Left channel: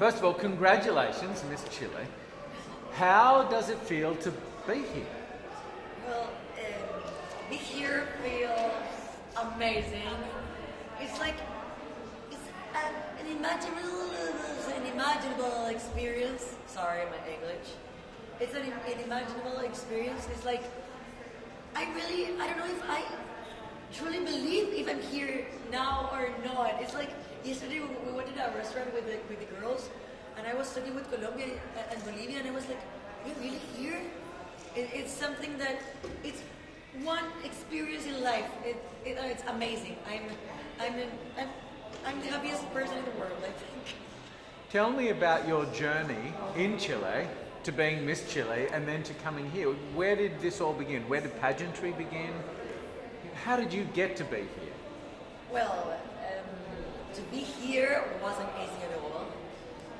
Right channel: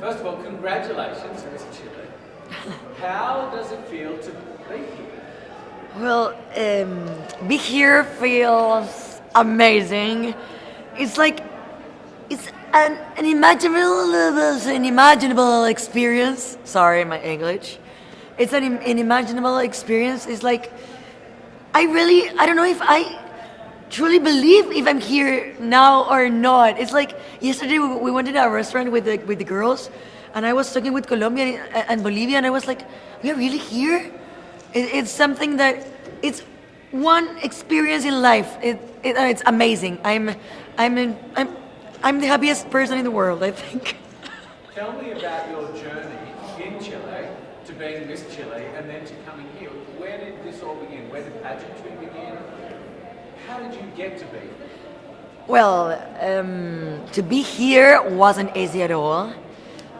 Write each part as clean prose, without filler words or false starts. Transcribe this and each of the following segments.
First of all, congratulations, Miss Chile. How does it feel to be here? Well, be here feels amazing. It's like it's an unimaginable experience. Sorry, my English. It's an unimaginable experience. It's like I don't know if I truly believe if I'm here now or not. It's like yesterday we went to a restaurant with the girls, and I was talking with Colombia and Bolivia, and I was like, we are really here. It's something that it's one experience in life. It's amazing. I'm the happiest person in the world, I think. Tell me about your journey in Chile to being Miss Chile and then to coming here. Where did this all begin? Where did pageantry begin? How did you get to be here? Well, to be here wasn't easy at all.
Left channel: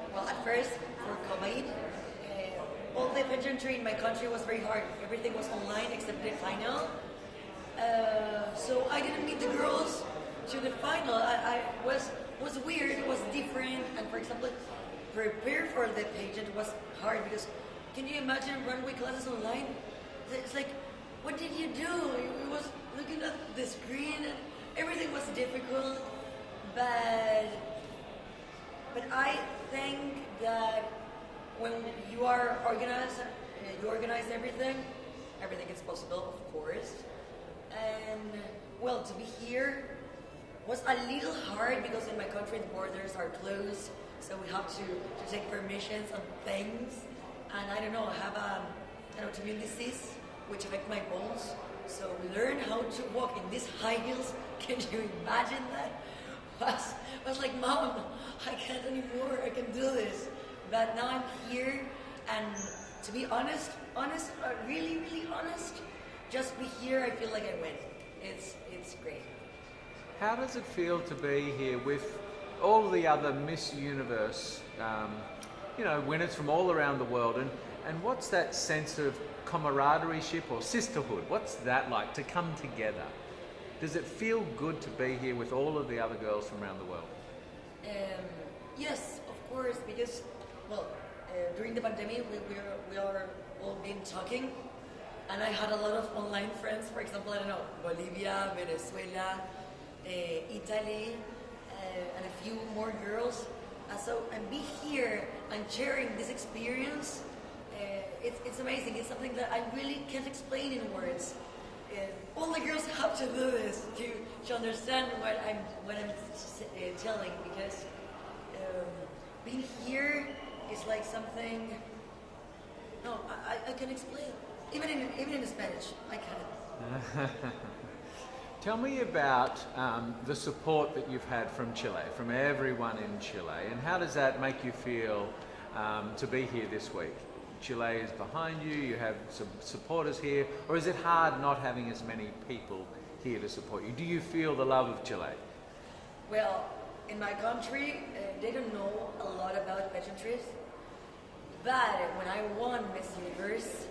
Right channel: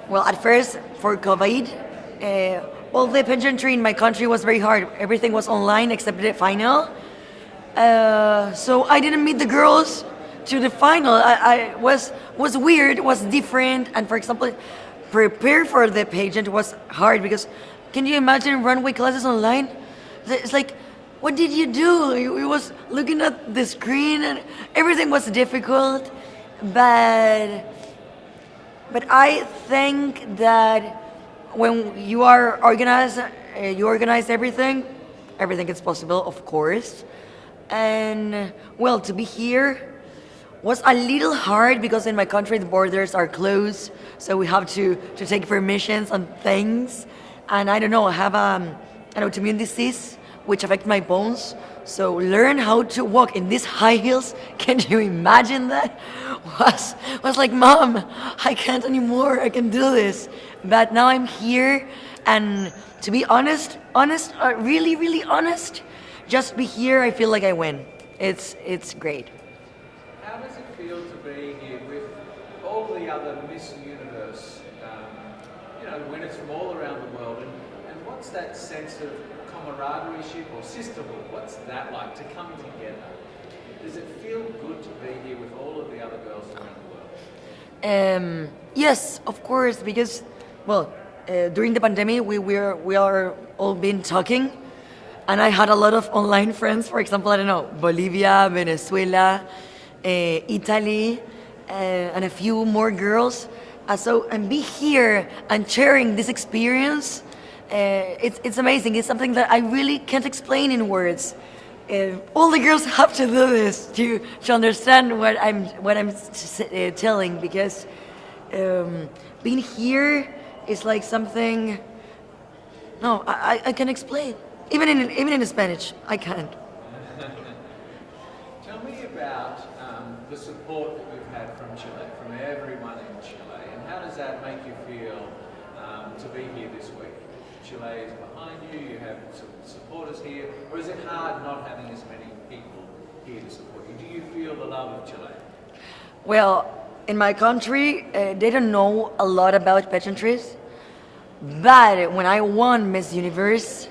Well, at first, for COVID, the pageantry in my country was very hard. Everything was online except the final. So I didn't meet the girls to the final. I was weird, was different, and for example, prepare for the pageant was hard because can you imagine runway classes online? It's like, what did you do? You was looking at the screen and everything was difficult, but I think that when you are organized, you organize everything is possible, of course. And well, to be here was a little hard because in my country the borders are closed, so we have to take permissions on things. And I don't know, I have an autoimmune disease which affects my bones. So learn how to walk in these high heels. Can you imagine that? Was like, Mom, I can't anymore. I can do this. But now I'm here, and to be honest, really, really honest, just be here. I feel like I win. It's great. How does it feel to be here with all the other Miss Universe, winners from all around the world, and what's that sense of camaraderie or sisterhood? What's that like to come together? Does it feel good to be here with all of the other girls from around the world? Yes, of course, because during the pandemic we are all been talking, and I had a lot of online friends. For example, I don't know, Bolivia, Venezuela, Italy, and a few more girls. And be here and sharing this experience. It's amazing. It's something that I really can't explain in words. All the girls have to do this to understand what I'm telling, because being here is like something. No, I can explain. Even in Spanish, I can't. Tell me about the support that you've had from Chile, from everyone in Chile, and how does that make you feel to be here this week? Chile is behind you, you have some supporters here, or is it hard not having as many people here to support you? Do you feel the love of Chile? Well, in my country, they don't know a lot about pageantries, but when I won Miss Universe,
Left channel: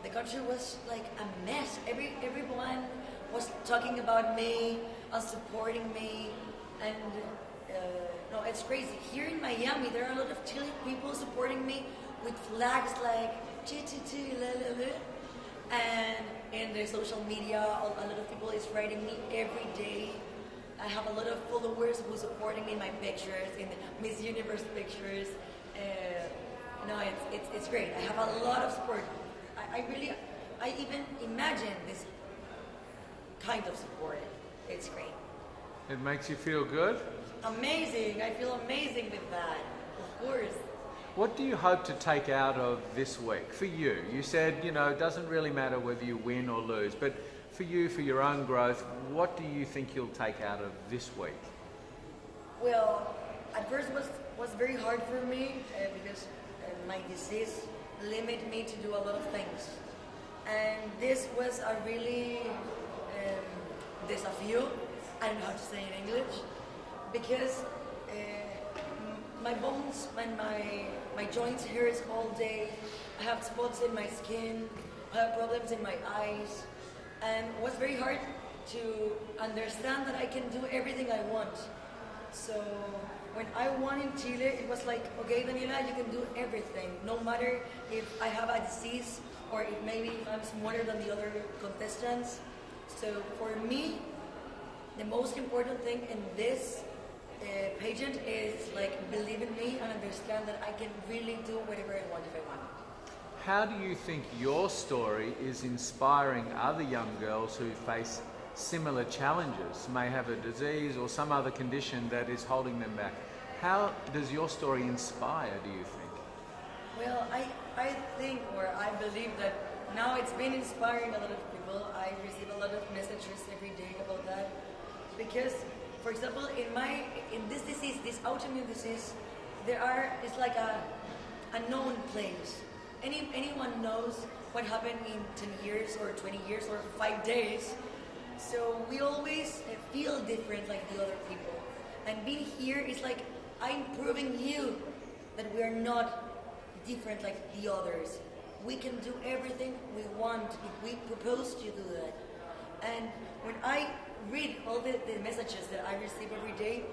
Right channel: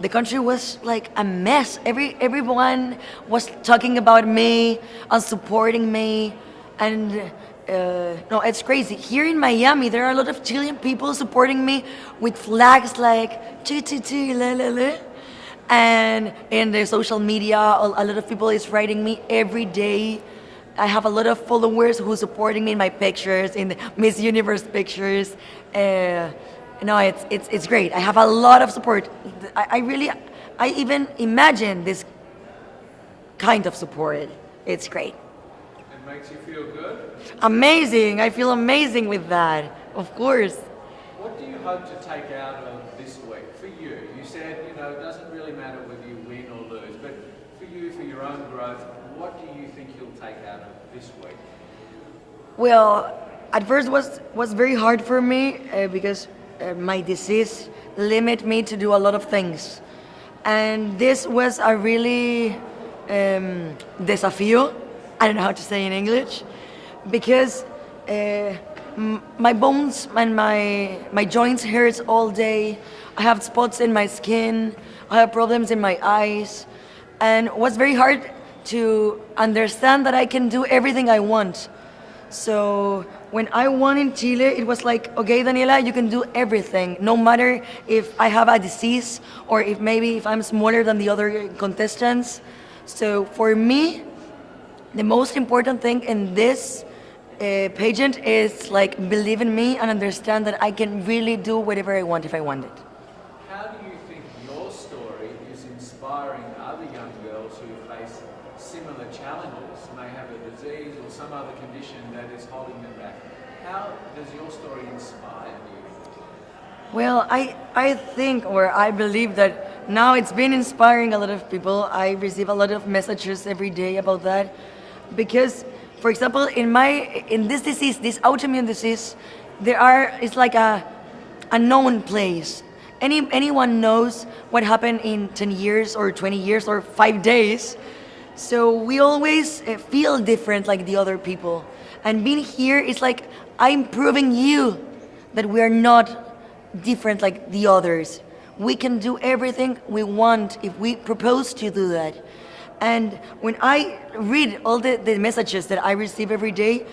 the country was like a mess. Everyone was talking about me and supporting me, and no, it's crazy. Here in Miami, there are a lot of Chilean people supporting me with flags like "chi chi chi la la la," and in the social media, a lot of people is writing me every day. I have a lot of followers who supporting me in my pictures, in the Miss Universe pictures. No, it's great. I have a lot of support. I even imagine this kind of support. It's great. It makes you feel good? Amazing. I feel amazing with that, of course. What do you hope to take out of this week for you? You said, it doesn't really matter whether you win or lose, but for you, for your own growth, what do you think you'll take out of this week? Well, at first was very hard for me because my disease limit me to do a lot of things, and this was a really desafío. I don't know how to say in English, because my bones and my joints hurts all day. I have spots in my skin. I have problems in my eyes, and it was very hard to understand that I can do everything I want. So when I won in Chile, it was like, okay, Daniela, you can do everything, no matter if I have a disease or if I'm smaller than the other contestants. So for me, the most important thing in this pageant is like believe in me and understand that I can really do whatever I want if I want it. How do you think your story is inspiring other young girls who face similar challenges, may have a disease or some other condition that is holding them back? How does your story inspire, do you think? Well, I think or I believe that now it's been inspiring a lot of people. I receive a lot of messages every day about that because, for example, in this disease, this autoimmune disease, it's like a known place. Anyone knows what happened in 10 years or 20 years or 5 days. So we always feel different like the other people. And being here is like, I'm proving you that we are not different like the others. We can do everything we want if we propose to do that. And when I read all the messages that I receive every day,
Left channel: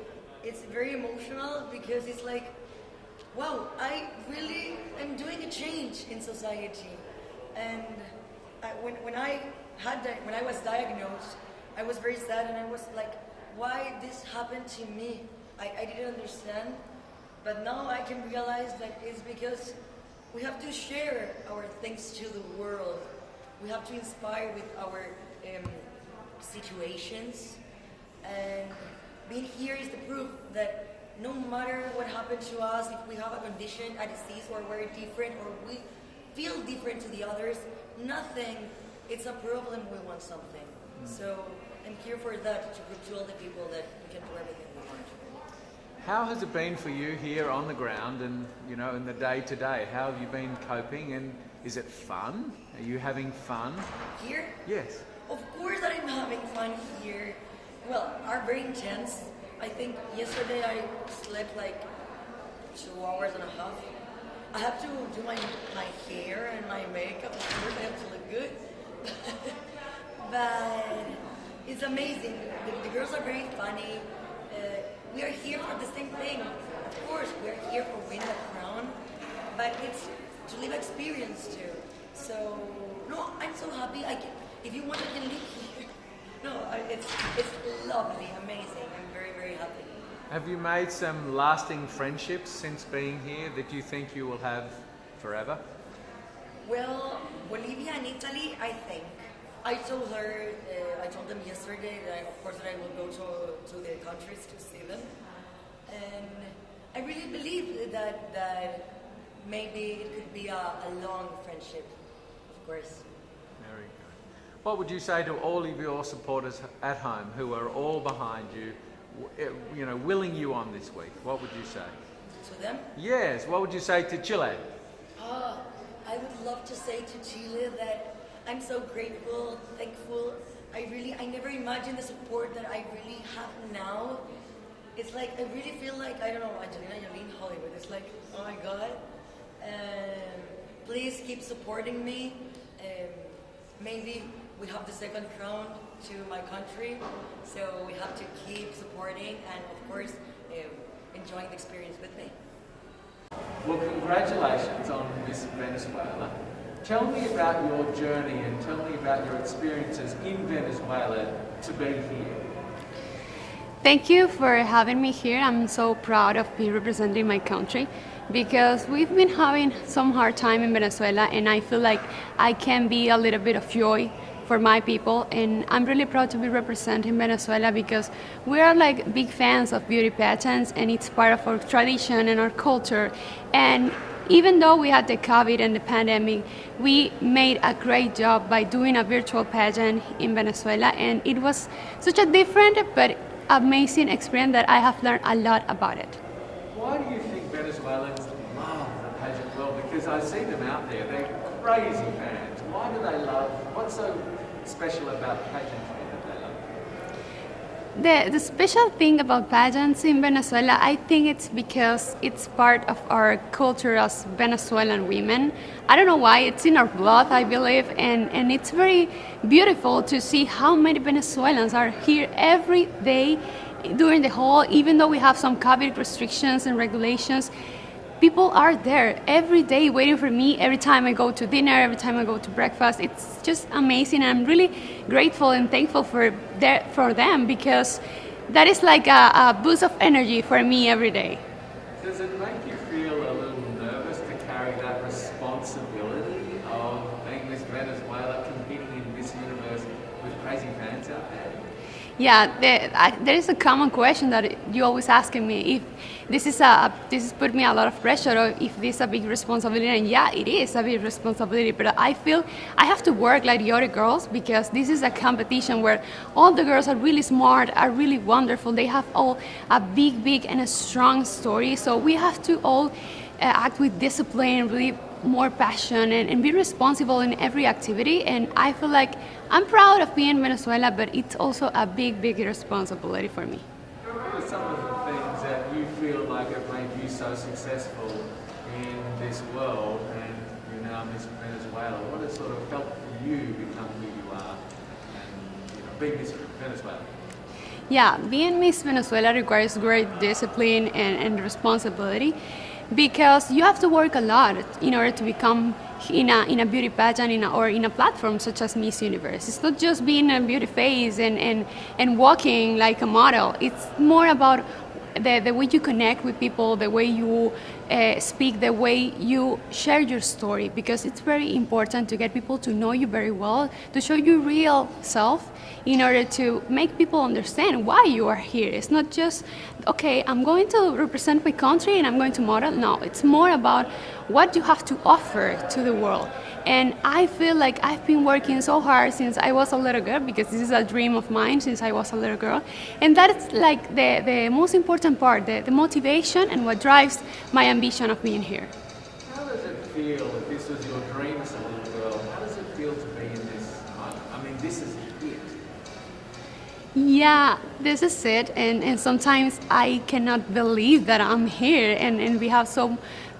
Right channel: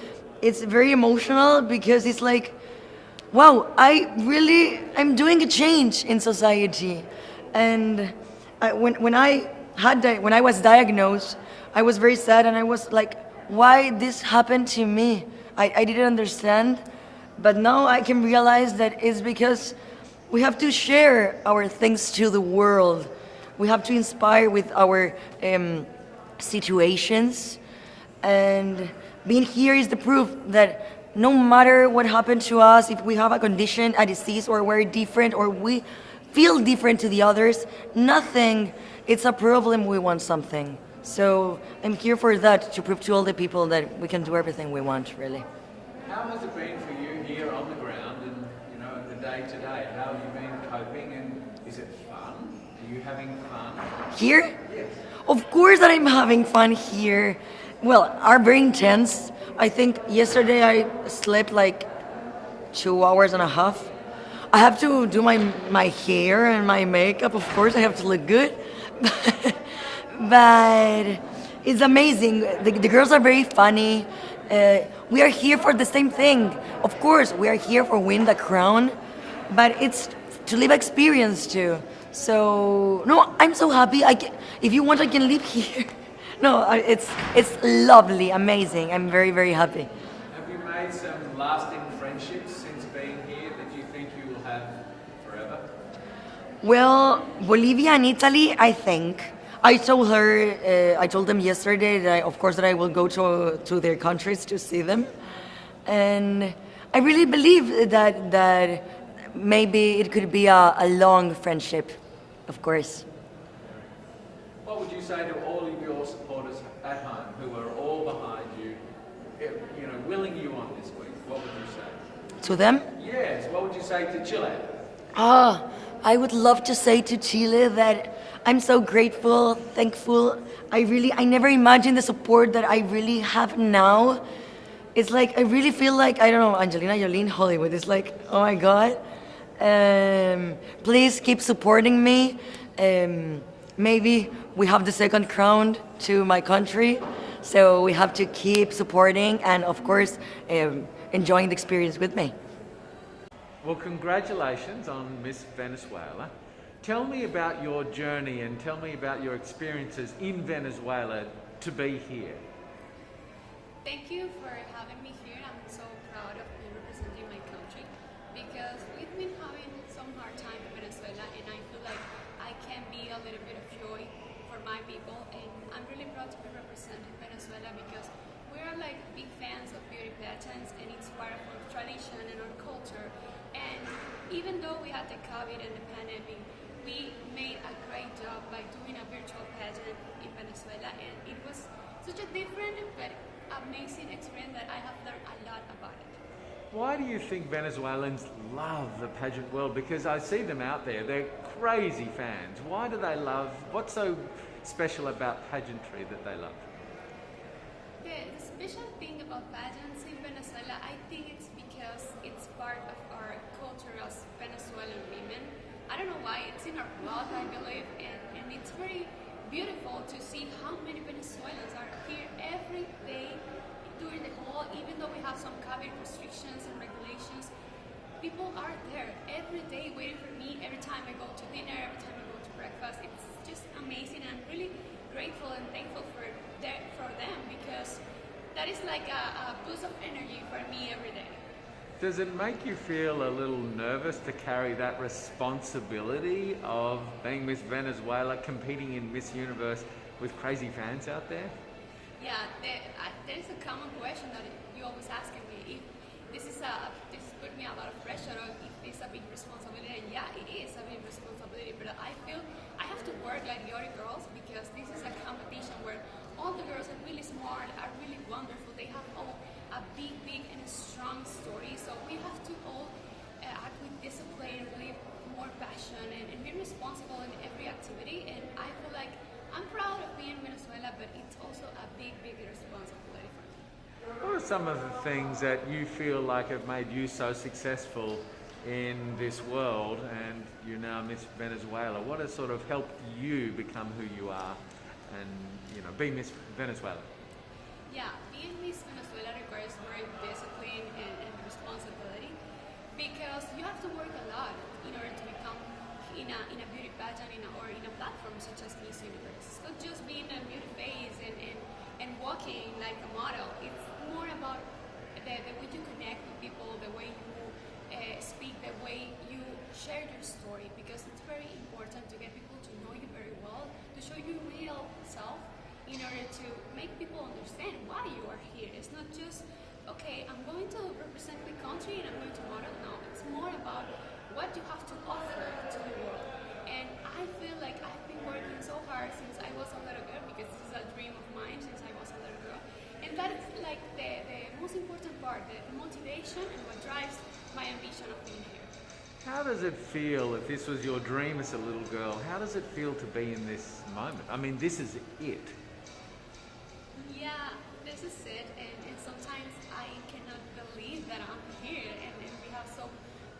it's very emotional because it's like, wow, I'm doing a change in society. And when I was diagnosed, I was very sad and I was like, why this happened to me? I didn't understand, but now I can realize that it's because we have to share our things to the world. We have to inspire with our situations, and being here is the proof that no matter what happened to us, if we have a condition, a disease, or we're different, or we feel different to the others, nothing, it's a problem, we want something. So I'm here for that, to prove to all the people that we can do everything we want, really. How has it been for you here on the ground and, you know, in the day-to-day? How have you been coping, and is it fun? Are you having fun? Here? Yes. Of course that I'm having fun here. Well, are very intense. I think yesterday I slept like 2 hours and a half. I have to do my hair and my makeup, of course, I have to look good. But it's amazing. The girls are very funny. We are here for the same thing. Of course, we are here for win the crown, but it's to live experience too. So, no, I'm so happy. If you want, I can live here. No, it's lovely, amazing. I'm very, very happy. Have you made some lasting friendships since being here that you think you will have forever? Well, Bolivia and Italy, I think. I told them yesterday that of course that I will go to their countries to see them, and I really believe that maybe it could be a long friendship, of course. What would you say to all of your supporters at home who are all behind you, willing you on this week? What would you say? To them? Yes, what would you say to Chile? I would love to say to Chile that I'm so grateful, thankful. I never imagined the support that I really have now. It's like, I really feel like, I don't know, Angelina Jolie in Hollywood. It's like, oh my God. Please keep supporting me. Maybe we have the second crown to my country. So we have to keep supporting and of course, enjoying the experience with me. Well, congratulations on Miss Venezuela. Tell me about your journey and tell me about your experiences in Venezuela to be here. Thank you for having me here. I'm so proud of being representing my country because we've been having some hard time in Venezuela, and I feel like I can be a little bit of joy for my people, and I'm really proud to be representing Venezuela because we are like big fans of beauty pageants, and it's part of our tradition and our culture. And even though we had the COVID and the pandemic, we made a great job by doing a virtual pageant in Venezuela, and it was such a different but amazing experience that I have learned a lot about it. Why do you think Venezuelans love the pageant world? Because I see them out there, they're crazy fans. Why do they love, what's so special about pageantry that they love? The special thing about pageants in Venezuela, I think it's because it's part of our culture as Venezuelan women. I don't know why, it's in our blood, I believe, and it's very beautiful to see how many Venezuelans are here every day during the whole, even though we have some COVID restrictions and regulations, people are there every day waiting for me every time I go to dinner, every time I go to breakfast. It's just amazing. I'm really grateful and thankful for them, because that is like a boost of energy for me every day. Does it make you feel a little nervous to carry that responsibility of being Miss Venezuela, competing in Miss Universe with crazy fans out there? Yeah, there is a common question that you always asking me, if this is put me a lot of pressure, or if this is a big responsibility. And yeah, it is a big responsibility, but I feel I have to work like the other girls, because this is a competition where all the girls are really smart, are really wonderful. They have all a big and a strong story. So we have to all act with discipline, really more passion, and be responsible in every activity. And I feel like I'm proud of being in Venezuela, but it's also a big responsibility for me. What are some of the things that you feel like have made you so successful in this world, and you're now Miss Venezuela? What has sort of helped you become who you are and be Miss Venezuela? Yeah, being Miss Venezuela requires great discipline and responsibility, because you have to work a lot in order to become in a beauty pageant or in a platform such as Miss Universe. It's not just being a beauty face and walking like a model. It's more about the way you connect with people, the way you speak, the way you share your story, because it's very important to get people to know you very well, to show your real self, in order to make people understand why you are here. It's not just, okay, I'm going to represent my country and I'm going to model. No, it's more about what you have to offer to the world. And I feel like I've been working so hard since I was a little girl, because this is a dream of mine since I was a little girl. And that's like the most important part, the motivation and what drives my ambition of being here. How does it feel, if this was your dream as a little girl, how does it feel to be in this? I mean, this is it. Yeah, this is it, and sometimes I cannot believe that I'm here, and we have so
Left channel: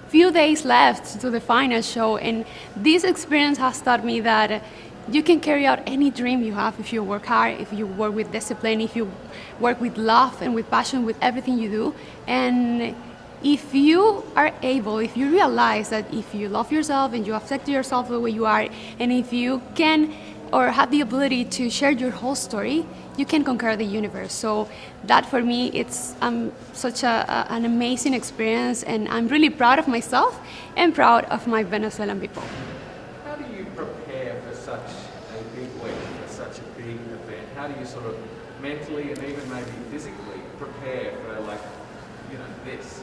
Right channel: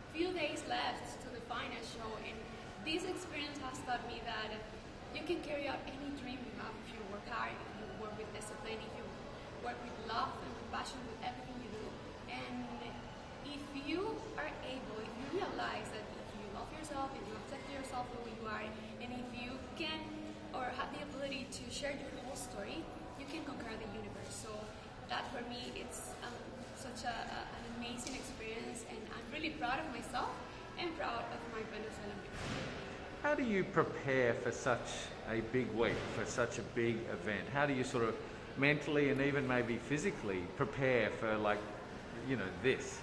few days left to the final show, and this experience has taught me that you can carry out any dream you have if you work hard, if you work with discipline, if you work with love and with passion with everything you do. And if you are able, if you realize that if you love yourself and you accept yourself the way you are, and if you can or have the ability to share your whole story, you can conquer the universe. So that for me, it's such an amazing experience, and I'm really proud of myself and proud of my Venezuelan people. How do you prepare for such a big week, for such a big event? How do you sort of mentally and even maybe physically prepare for this?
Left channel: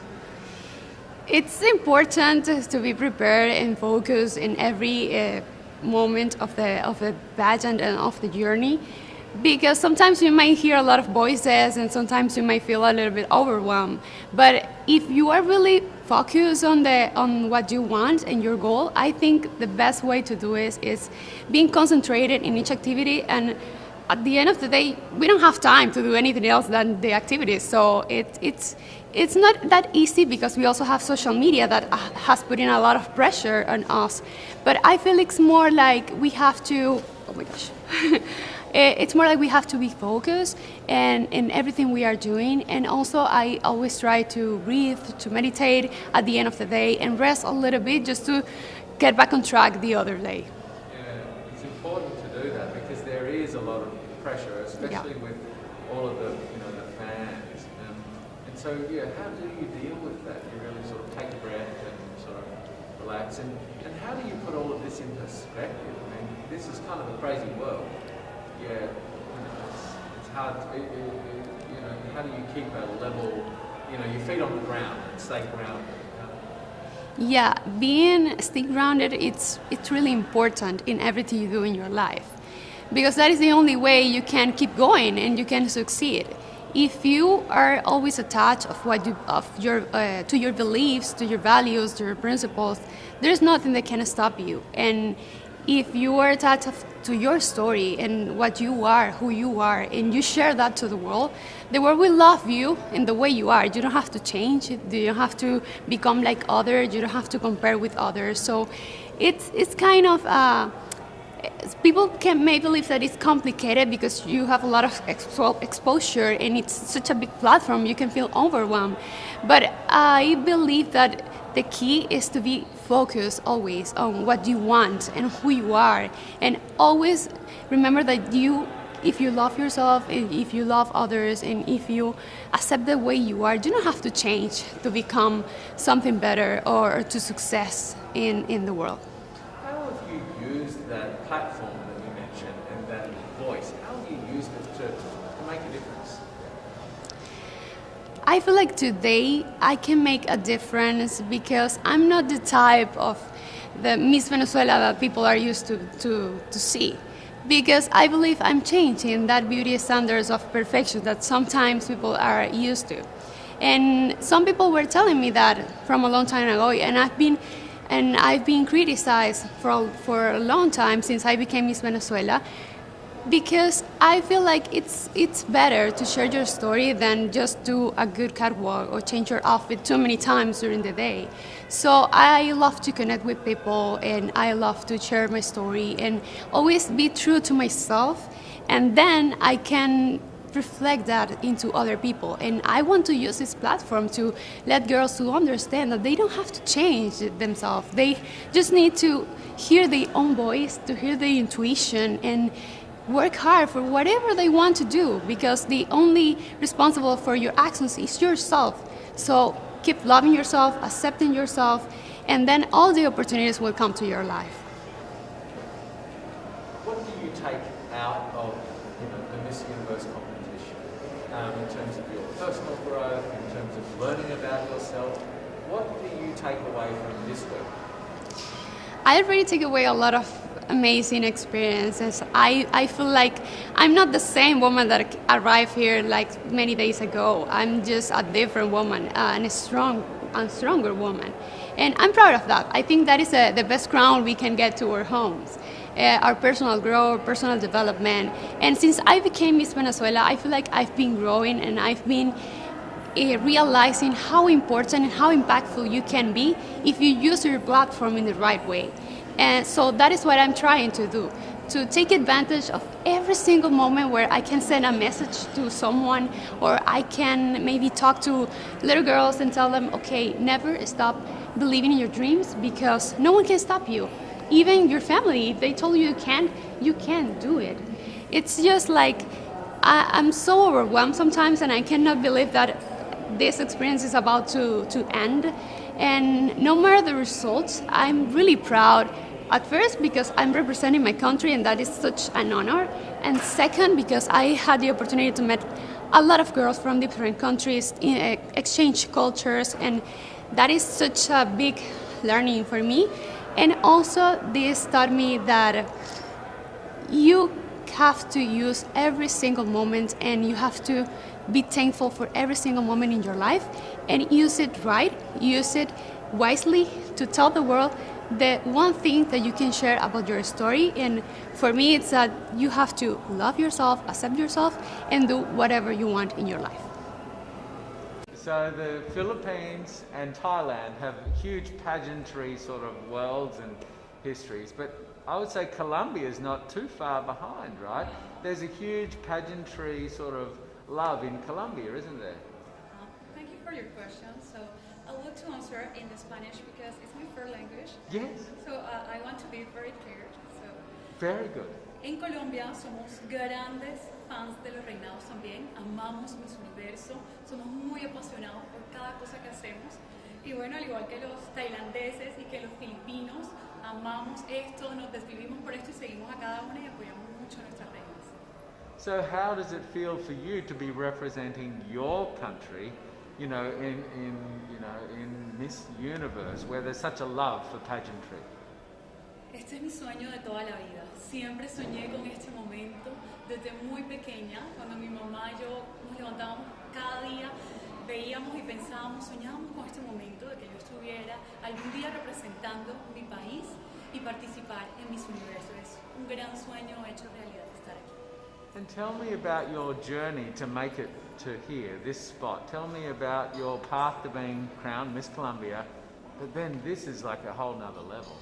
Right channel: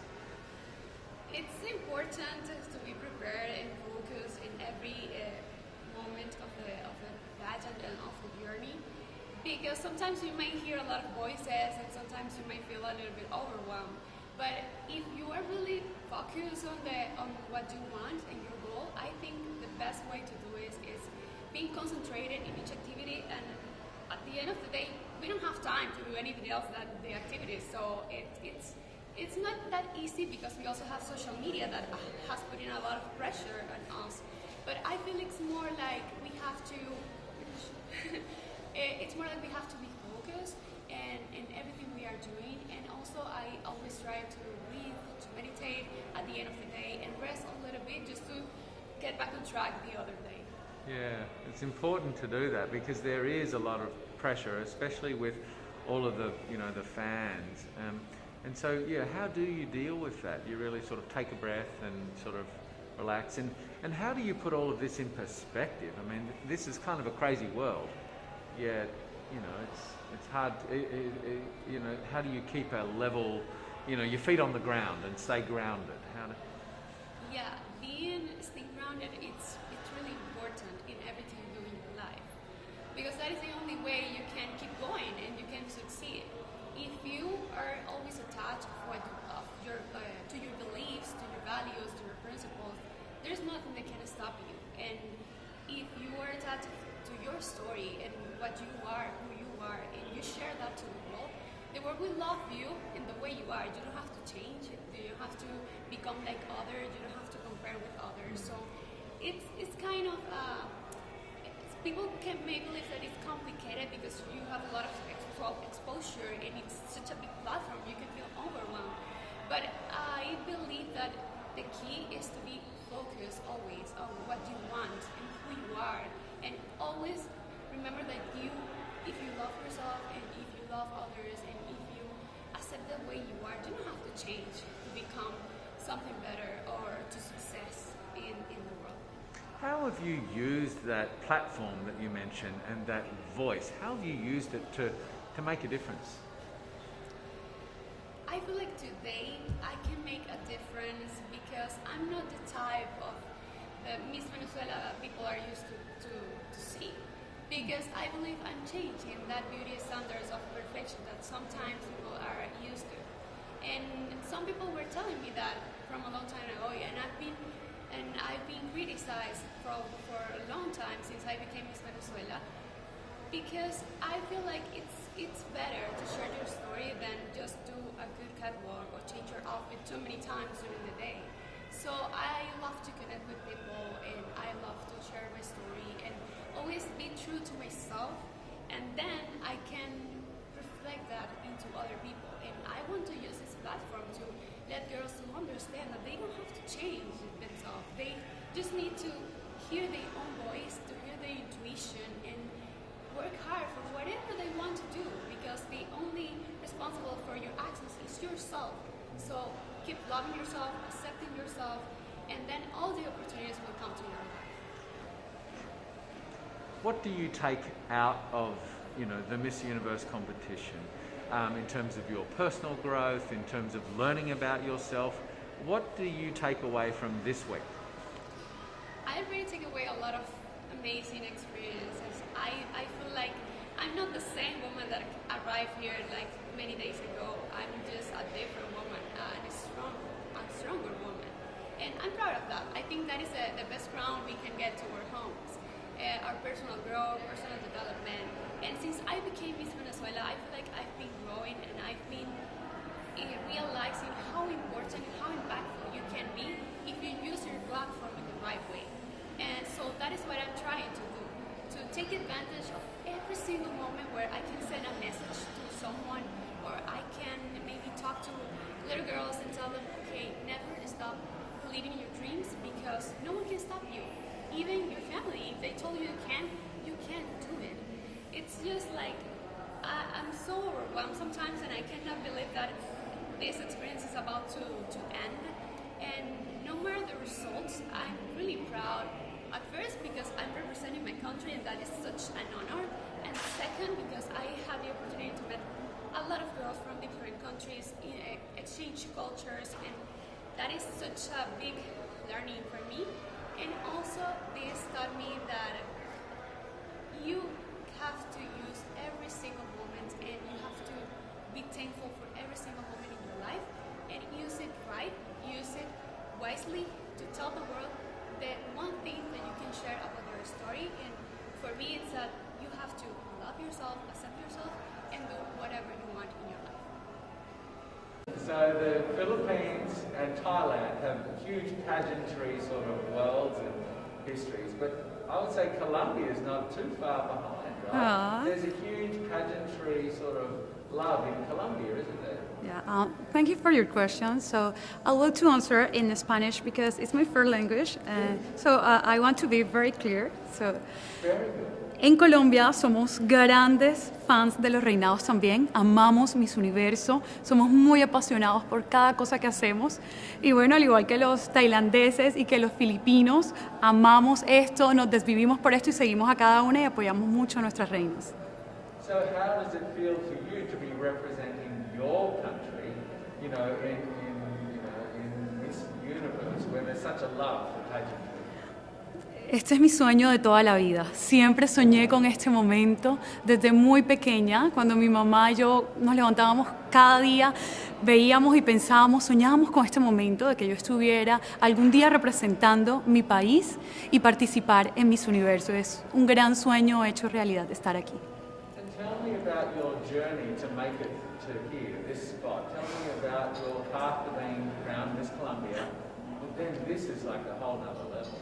It's important to be prepared and focused in every moment of the pageant and of the journey, because sometimes you might hear a lot of voices and sometimes you might feel a little bit overwhelmed. But if you are really focused on what you want and your goal, I think the best way to do it is being concentrated in each activity. And at the end of the day, we don't have time to do anything else than the activities. So it's not that easy, because we also have social media that has put in a lot of pressure on us. But I feel it's more like we have to, oh my gosh. It's more like we have to be focused in everything we are doing. And also I always try to breathe, to meditate at the end of the day and rest a little bit, just to get back on track the other day. Yeah, it's important to do that, because there is a lot of pressure, especially with all of the fans. And so, how do you deal with that? You really sort of take a breath and sort of relax. And how do you put all of this in perspective? I mean, this is kind of a crazy world. Yeah, it's hard. How do you keep a level, your feet on the ground and stay grounded? Yeah, stay grounded, it's really important in everything you do in your life, because that is the only way you can keep going and you can succeed. If you are always attached to your beliefs, to your values, to your principles, there's nothing that can stop you. And if you are attached to your story and what you are, who you are, and you share that to the world will love you in the way you are. You don't have to change. You don't have to become like others. You don't have to compare with others. So it's kind of People may believe that it's complicated because you have a lot of exposure and it's such a big platform, you can feel overwhelmed. But I believe that the key is to be focused always on what you want and who you are, and always remember that if you love yourself, and if you love others, and if you accept the way you are, you don't have to change to become something better or to success in the world. How have you used that platform that you mentioned and that voice? How have you used it to make a difference? I feel like today I can make a difference because I'm not the type of the Miss Venezuela that people are used to see. Because I believe I'm changing that beauty standards of perfection that sometimes people are used to. And some people were telling me that from a long time ago, and I've been criticized for a long time since I became Miss Venezuela, because I feel like it's better to share your story than just do a good catwalk or change your outfit too many times during the day. So I love to connect with people, and I love to share my story and always be true to myself, and then I can reflect that into other people. And I want to use this platform to let girls to understand that they don't have to change themselves. They just need to hear their own voice, to hear their intuition, and work hard for whatever they want to do, because the only responsible for your actions is yourself. So keep loving yourself, accepting yourself, and then all the opportunities will come to your life. What do you take out of the Miss Universe competition in terms of your personal growth, in terms of learning about yourself? What do you take away from this week? I already take away a lot of amazing experiences. I feel like I'm not the same woman that arrived here like many days ago. I'm just a different woman, and a stronger woman. And I'm proud of that. I think that is the best crown we can get to our homes. Our personal growth, personal development. And since I became Miss Venezuela, I feel like I've been growing, and I've been realizing how important and how impactful you can be if you use your platform in the right way. And so that is what I'm trying to do, to take advantage of every single moment where I can send a message to someone, or I can maybe talk to little girls and tell them, okay, never stop believing in your dreams, because no one can stop you. Even your family, if they told you you can't do it. It's just like, I'm so overwhelmed sometimes, and I cannot believe that this experience is about to end. And no matter the results, I'm really proud. At first, because I'm representing my country, and that is such an honor. And second, because I had the opportunity to meet a lot of girls from different countries, exchange cultures, and that is such a big learning for me. And also, this taught me that you have to use every single moment, and you have to be thankful for every single moment in your life, and use it right, use it wisely to tell the world the one thing that you can share about your story. And for me, it's that you have to love yourself, accept yourself, and do whatever you want in your life. So the Philippines and Thailand have huge pageantry sort of worlds and histories, but I would say Colombia is not too far behind, right? Aww. There's a huge pageantry sort of love in Colombia, isn't there? Yeah, thank you for your question. So I'll look to answer in Spanish because it's my first language. And so I want to be very clear. So, Very good. en Colombia somos grandes fans de los reinados también. Amamos Miss Universo. Somos muy apasionados por cada cosa que hacemos. Y bueno, al igual que los tailandeses y que los filipinos, amamos esto, nos desvivimos por esto y seguimos a cada una y apoyamos mucho a nuestras reinas. So how does it feel for you to be representing your country, in Miss Universe, where there's such a love for pageantry? Este es mi sueño de toda la vida. Siempre soñé con este momento desde muy pequeña, cuando mi mamá y yo nos levantábamos cada día, veíamos y pensábamos, soñábamos con este momento de que yo estuviera algún día representando mi país y participar en Miss Universo. Es un gran sueño hecho realidad estar aquí. And tell me about your journey to make it to here, this spot. Tell me about your path to being crowned Miss Colombia, but then this is like a whole nother level.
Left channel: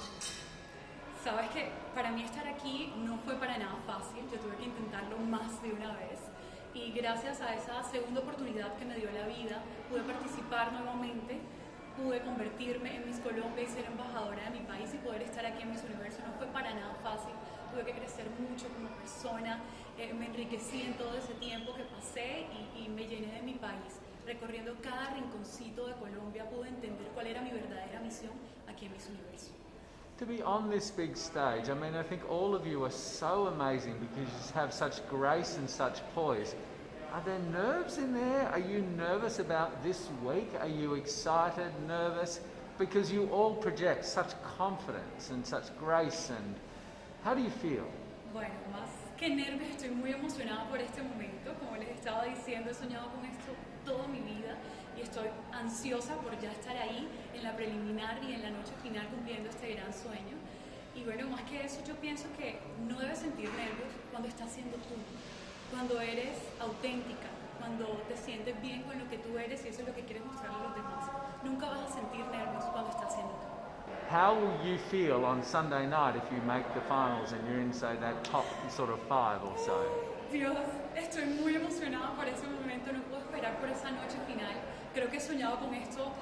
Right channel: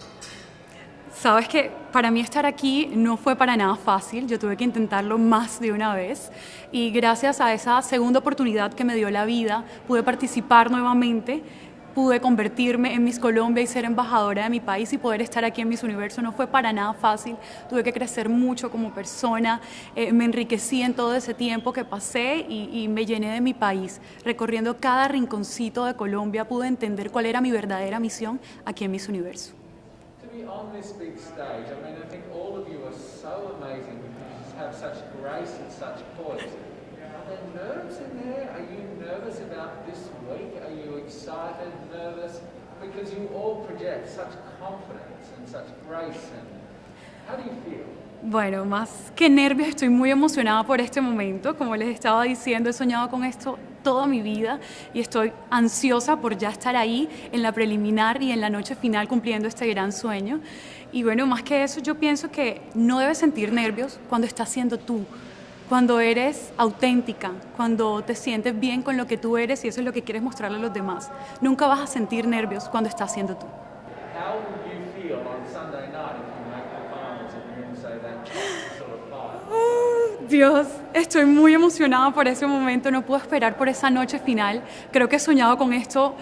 Sabes que para mí estar aquí no fue para nada fácil, yo tuve que intentarlo más de una vez y gracias a esa segunda oportunidad que me dio la vida pude participar nuevamente, pude convertirme en Miss Colombia y ser embajadora de mi país y poder estar aquí en Miss Universo no fue para nada fácil, tuve que crecer mucho como persona, me enriquecí en todo ese tiempo que pasé y me llené de mi país, recorriendo cada rinconcito de Colombia pude entender cuál era mi verdadera misión aquí en Miss Universo. To be on this big stage, I mean, I think all of you are so amazing because you just have such grace and such poise. Are there nerves in there? Are you nervous about this week? Are you excited, nervous? Because you all project such confidence and such grace, and how do you feel? Bueno, más que nervios, estoy muy emocionada por este momento. Como les estaba diciendo, he soñado con esto toda mi vida y estoy ansiosa por ya estar ahí en la preliminar y en la noche final cumpliendo este gran sueño. Y bueno, más que eso, yo pienso que no debes sentir nervios cuando estás siendo tú, cuando eres auténtica, cuando te sientes bien con lo que tú eres y eso es lo que quieres mostrarle a los demás. Nunca vas a sentir nervios cuando estás siendo tú. How will you feel on Sunday night if you make the finals and you're in, say, that top sort of five? Dios, estoy muy emocionada por ese momento, no puedo esperar por esa noche final. Creo que he soñado con esto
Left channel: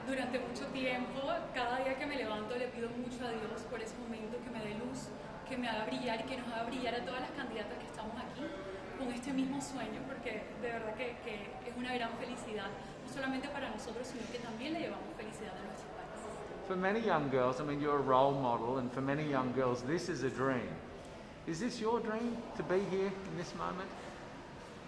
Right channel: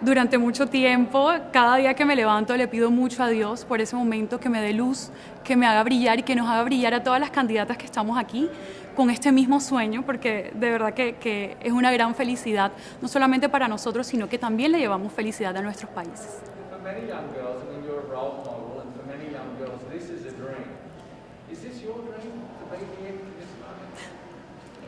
durante mucho tiempo. Cada día que me levanto le pido mucho a Dios por ese momento, que me dé luz, que me haga brillar y que nos haga brillar a todas las candidatas que estamos aquí con este mismo sueño, porque de verdad que es una gran felicidad, no solamente para nosotros, sino que también le llevamos felicidad a nuestros países. For many young girls, I mean, you're a role model, and for many young girls, this is a dream. Is this your dream, to be here in this moment?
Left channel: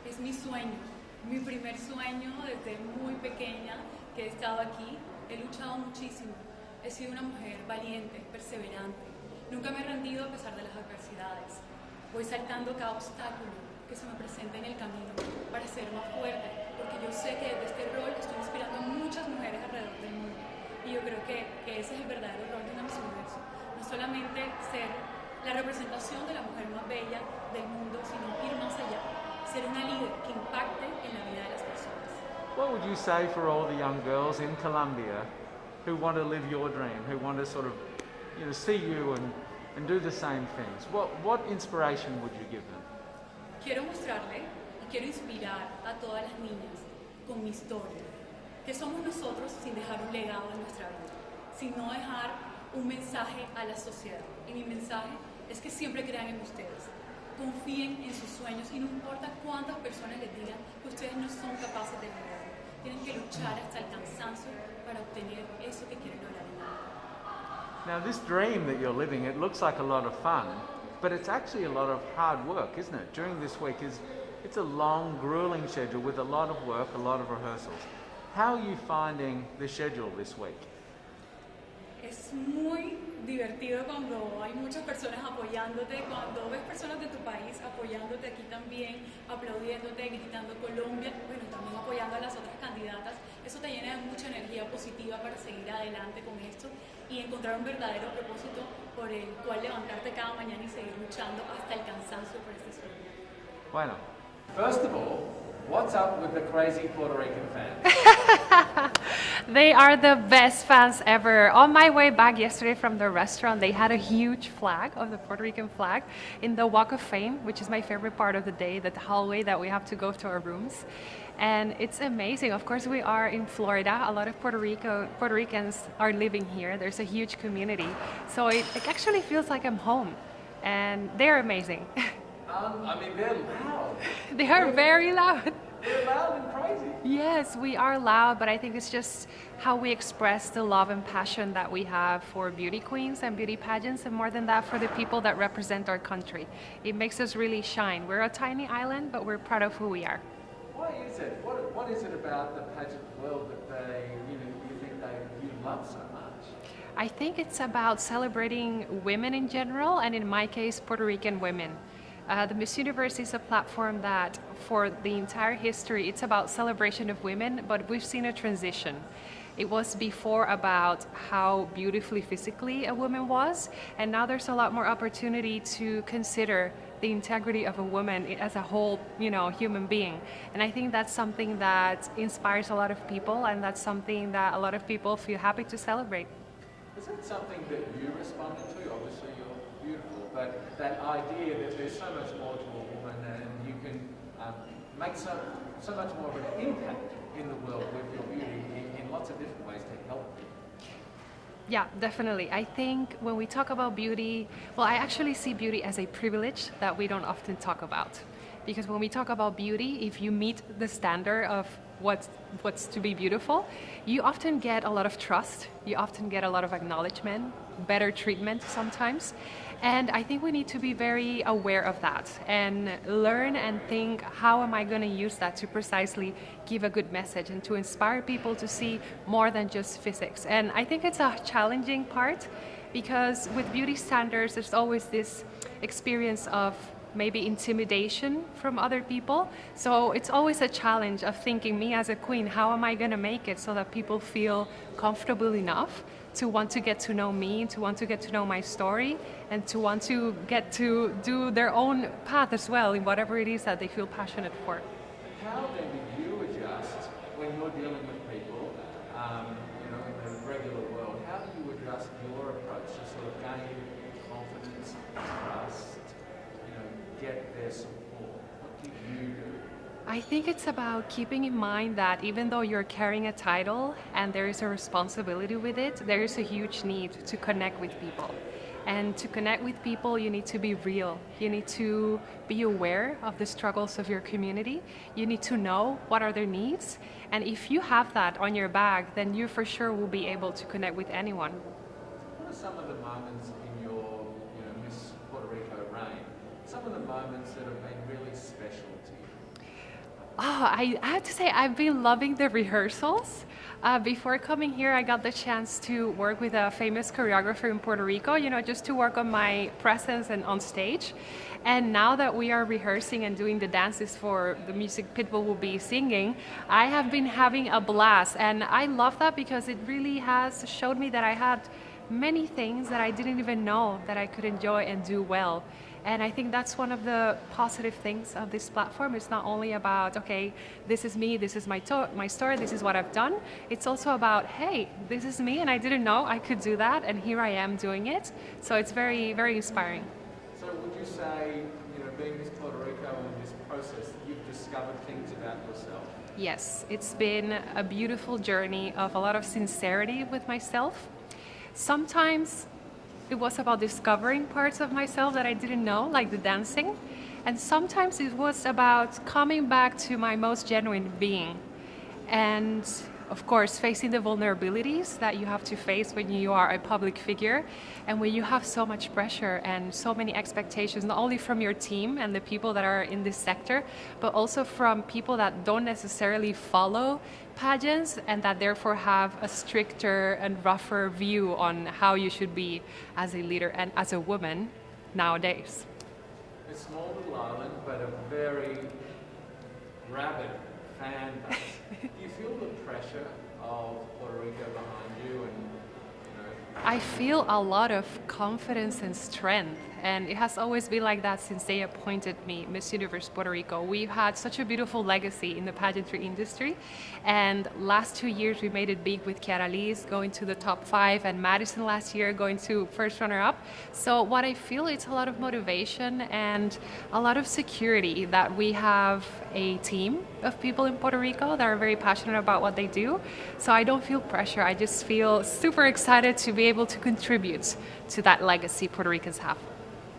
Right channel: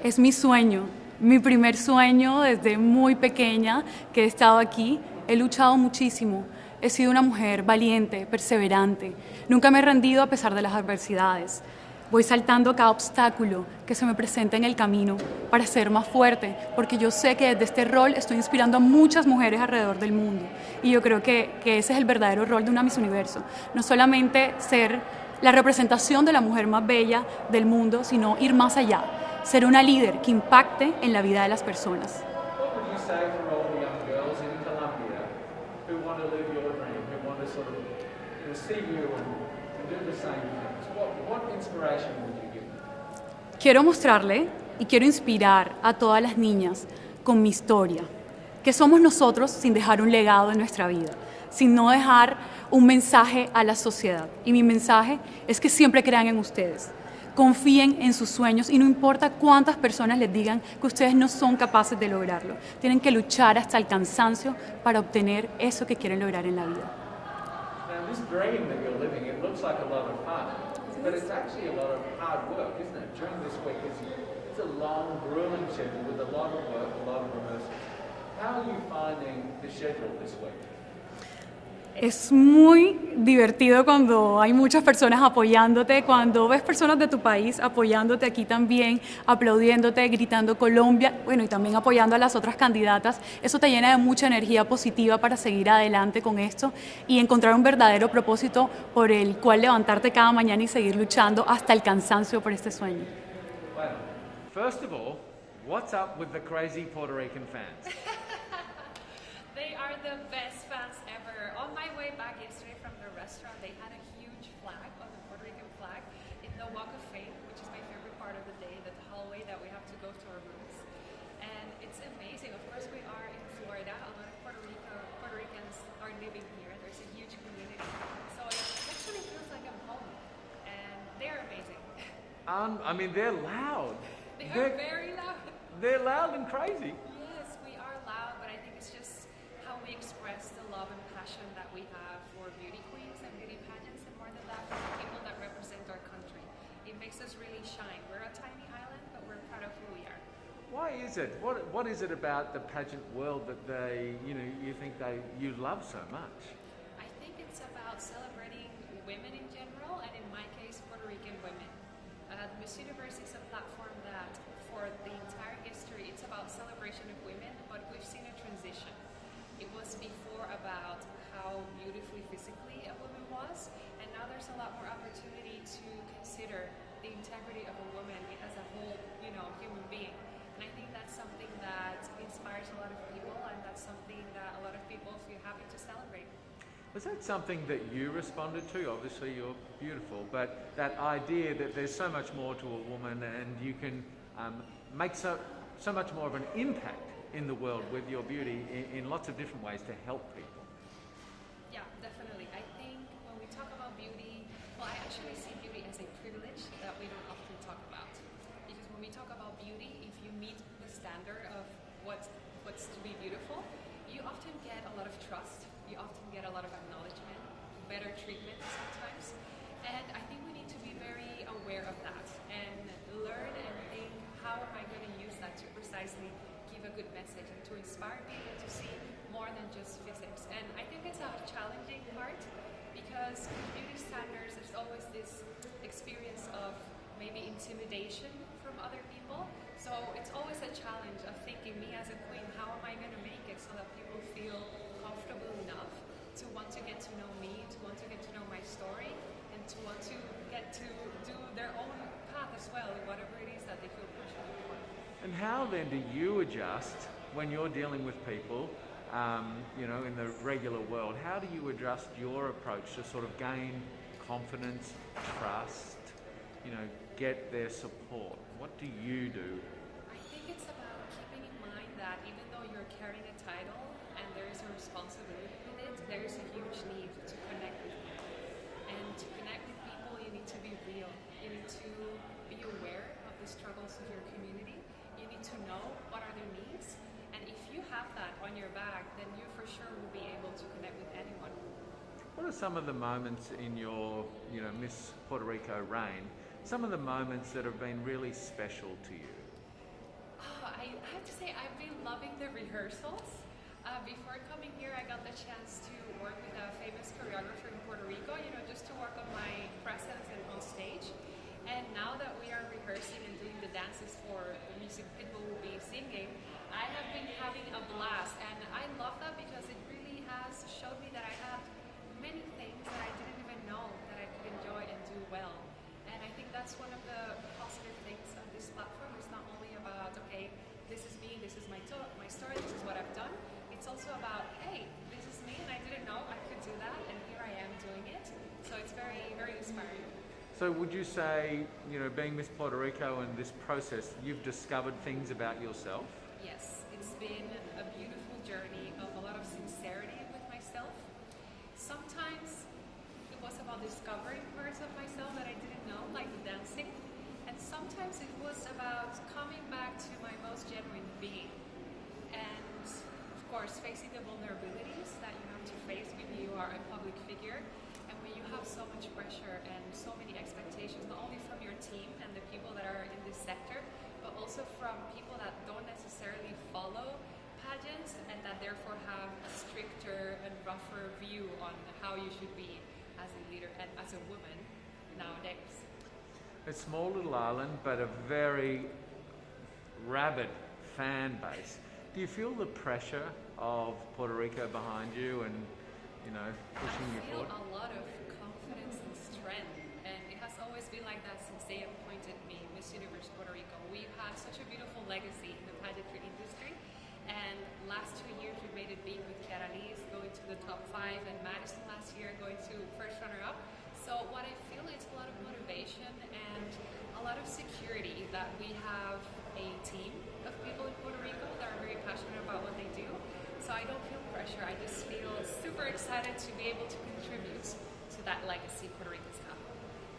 Es mi sueño, mi primer sueño desde muy pequeña que he estado aquí. He luchado muchísimo, he sido una mujer valiente, perseverante. Nunca me he rendido a pesar de las adversidades. Voy saltando cada obstáculo que se me presenta en el camino para ser más fuerte, porque yo sé que desde este rol estoy inspirando a muchas mujeres alrededor del mundo. Y yo creo que ese es el verdadero rol de una Miss Universo. No solamente ser la representación de la mujer más bella del mundo, sino ir más allá, ser una líder que impacte en la vida de las personas. What would you say for all the young girls in Colombia who want to live your dream, who want to sort of, you know, see you and do the same things? What inspiration would you give them? Quiero mostrarle y quiero inspirar a todas las niñas con mi historia, que somos nosotros sin dejar un legado en nuestra vida, sin no dejar un mensaje a la sociedad. Y mi mensaje es que siempre crean en ustedes, confíen en sus sueños y no importa cuántas personas les digan que ustedes no son capaces de lograrlo. Tienen que luchar hasta el cansancio para obtener eso que quieren lograr en la vida. Now, this dream that you're living, it looks like a lot of fun, but it's actually a lot of hard work, isn't it? During this week, it's a long, grueling schedule with a lot of work, a lot of rehearsals. How are you finding the schedule this week? Es muy divertido cuando hay muchas personas apoyándote, cuando ves personas de tu país apoyándote aquí también, aplaudiéndote, gritando Colombia, bueno, y también apoyando a las otras candidatas. Eso te llena de mucha energía positiva para seguir adelante con esto y encontrar un verdadero propósito por el cual levantarte cada mañana y seguir luchando hasta el cansancio por este sueño. Bueno, first of all, what's up with the crazy Puerto Rican fans? They are the best fans ever. On my way back yesterday from the restaurant, they had a huge flag of the Puerto Rican flag in the Walk of Fame, which is my favorite part of the day, the hallway that we have to go to our rooms. And it's amazing. Of course, we are in Florida. A lot of Puerto Ricans are living here. There's a huge community. So it actually feels like I'm home. And they're amazing. I mean, they're loud. They are very loud. They're loud and crazy. Yes, we are loud, but I think it's just how we express the love and passion that we have for beauty queens and beauty pageants, and more than that, for the people that represent our country. It makes us really shine. We're a tiny island, but we're proud of who we are. Why is it? What is it about the pageant world that you think you love so much? I think it's about celebrating women in general, and in my case, Puerto Rican women. The Miss Universe is a platform that, for the entire history, it's about celebration of women, but we've seen a transition. It was before about how beautifully physically a woman was, and now there's a lot more opportunity to consider the integrity of a woman as a whole, human being. And I think that's something that inspires a lot of people, and that's something that a lot of people feel happy to celebrate. Was that something that you responded to? Obviously you're beautiful, but that idea that there's so much more to a woman and you can make so much more of an impact in the world with your beauty in lots of different ways to help people. Yeah, definitely. I think when we talk about beauty, well, I actually see beauty as a privilege that we don't often talk about. Because when we talk about beauty, if you meet the standard of what's to be beautiful, you often get a lot of trust, you often get a lot of acknowledgement, better treatment sometimes. And I think we need to be very aware of that and learn and think, how am I going to use that to precisely give a good message and to inspire people to see more than just physics. And I think it's a challenging part because with beauty standards, there's always this experience of maybe intimidation from other people. So it's always a challenge of thinking, me as a queen, how am I going to make it so that people feel comfortable enough to want to get to know me, to want to get to know my story, and to want to get to do their own path as well in whatever it is that they feel passionate for. And how then do you adjust when you're dealing with people, in the regular world? How do you adjust your approach to sort of gain confidence, trust, get their support? What do you do? I think it's about keeping in mind that even though you're carrying a title and there is a responsibility with it, there is a huge need to connect with people. And to connect with people, you need to be real. You need to be aware of the struggles of your community. You need to know what are their needs. And if you have that on your bag, then you for sure will be able to connect with anyone. What are some of the moments in your, Miss Puerto Rico reign, some of the moments that have been really special to you? Oh, I have to say, I've been loving the rehearsals. Before coming here, I got the chance to work with a famous choreographer in Puerto Rico, just to work on my presence and on stage. And now that we are rehearsing and doing the dances for the music people will be singing, I have been having a blast. And I love that because it really has showed me that I had many things that I didn't even know that I could enjoy and do well. And I think that's one of the positive things of this platform. It's not only about, okay, this is me, this is my story, this is what I've done. It's also about, hey, this is me and I didn't know I could do that and here I am doing it. So it's very, very inspiring. So would you say, being Miss Puerto Rico and this process, you've discovered things about yourself? Yes, it's been a beautiful journey of a lot of sincerity with myself. Sometimes it was about discovering parts of myself that I didn't know, like the dancing. And sometimes it was about coming back to my most genuine being. And of course, facing the vulnerabilities that you have to face when you are a public figure and when you have so much pressure and so many expectations, not only from your team and the people that are in this sector, but also from people that don't necessarily follow pageants and that therefore have a stricter and rougher view on how you should be as a leader and as a woman nowadays. A small little island, but a very rabid fan base. Do you feel the pressure of Puerto Rico behind you and, I feel a lot of confidence and strength, and it has always been like that since they appointed me Miss Universe Puerto Rico. We've had such a beautiful legacy in the pageantry industry, and last 2 years we made it big with Chiara Liz going to the top 5 and Madison last year going to first runner-up. So what I feel, it's a lot of motivation and a lot of security that we have a team of people in Puerto Rico that are very passionate about what they do. So I don't feel pressure. I just feel super excited to be able to contribute to that legacy Puerto Ricans have.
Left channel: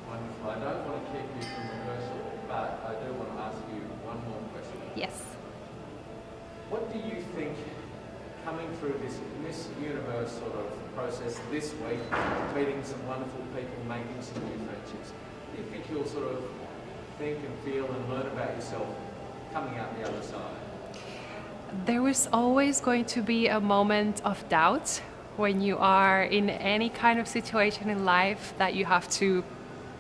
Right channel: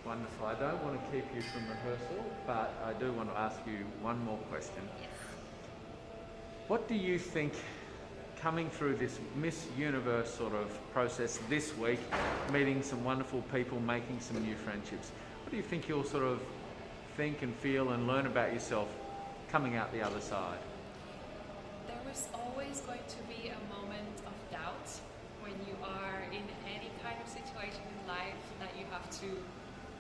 Wonderful. I don't want to keep you from rehearsal, but I do want to ask you one more question. Yes. What do you think, coming through this Miss Universe sort of process this week, meeting some wonderful people, making some new friendships, what do you think you'll sort of think and feel and learn about yourself coming out the other side? There was always going to be a moment of doubt when you are in any kind of situation in life that you have to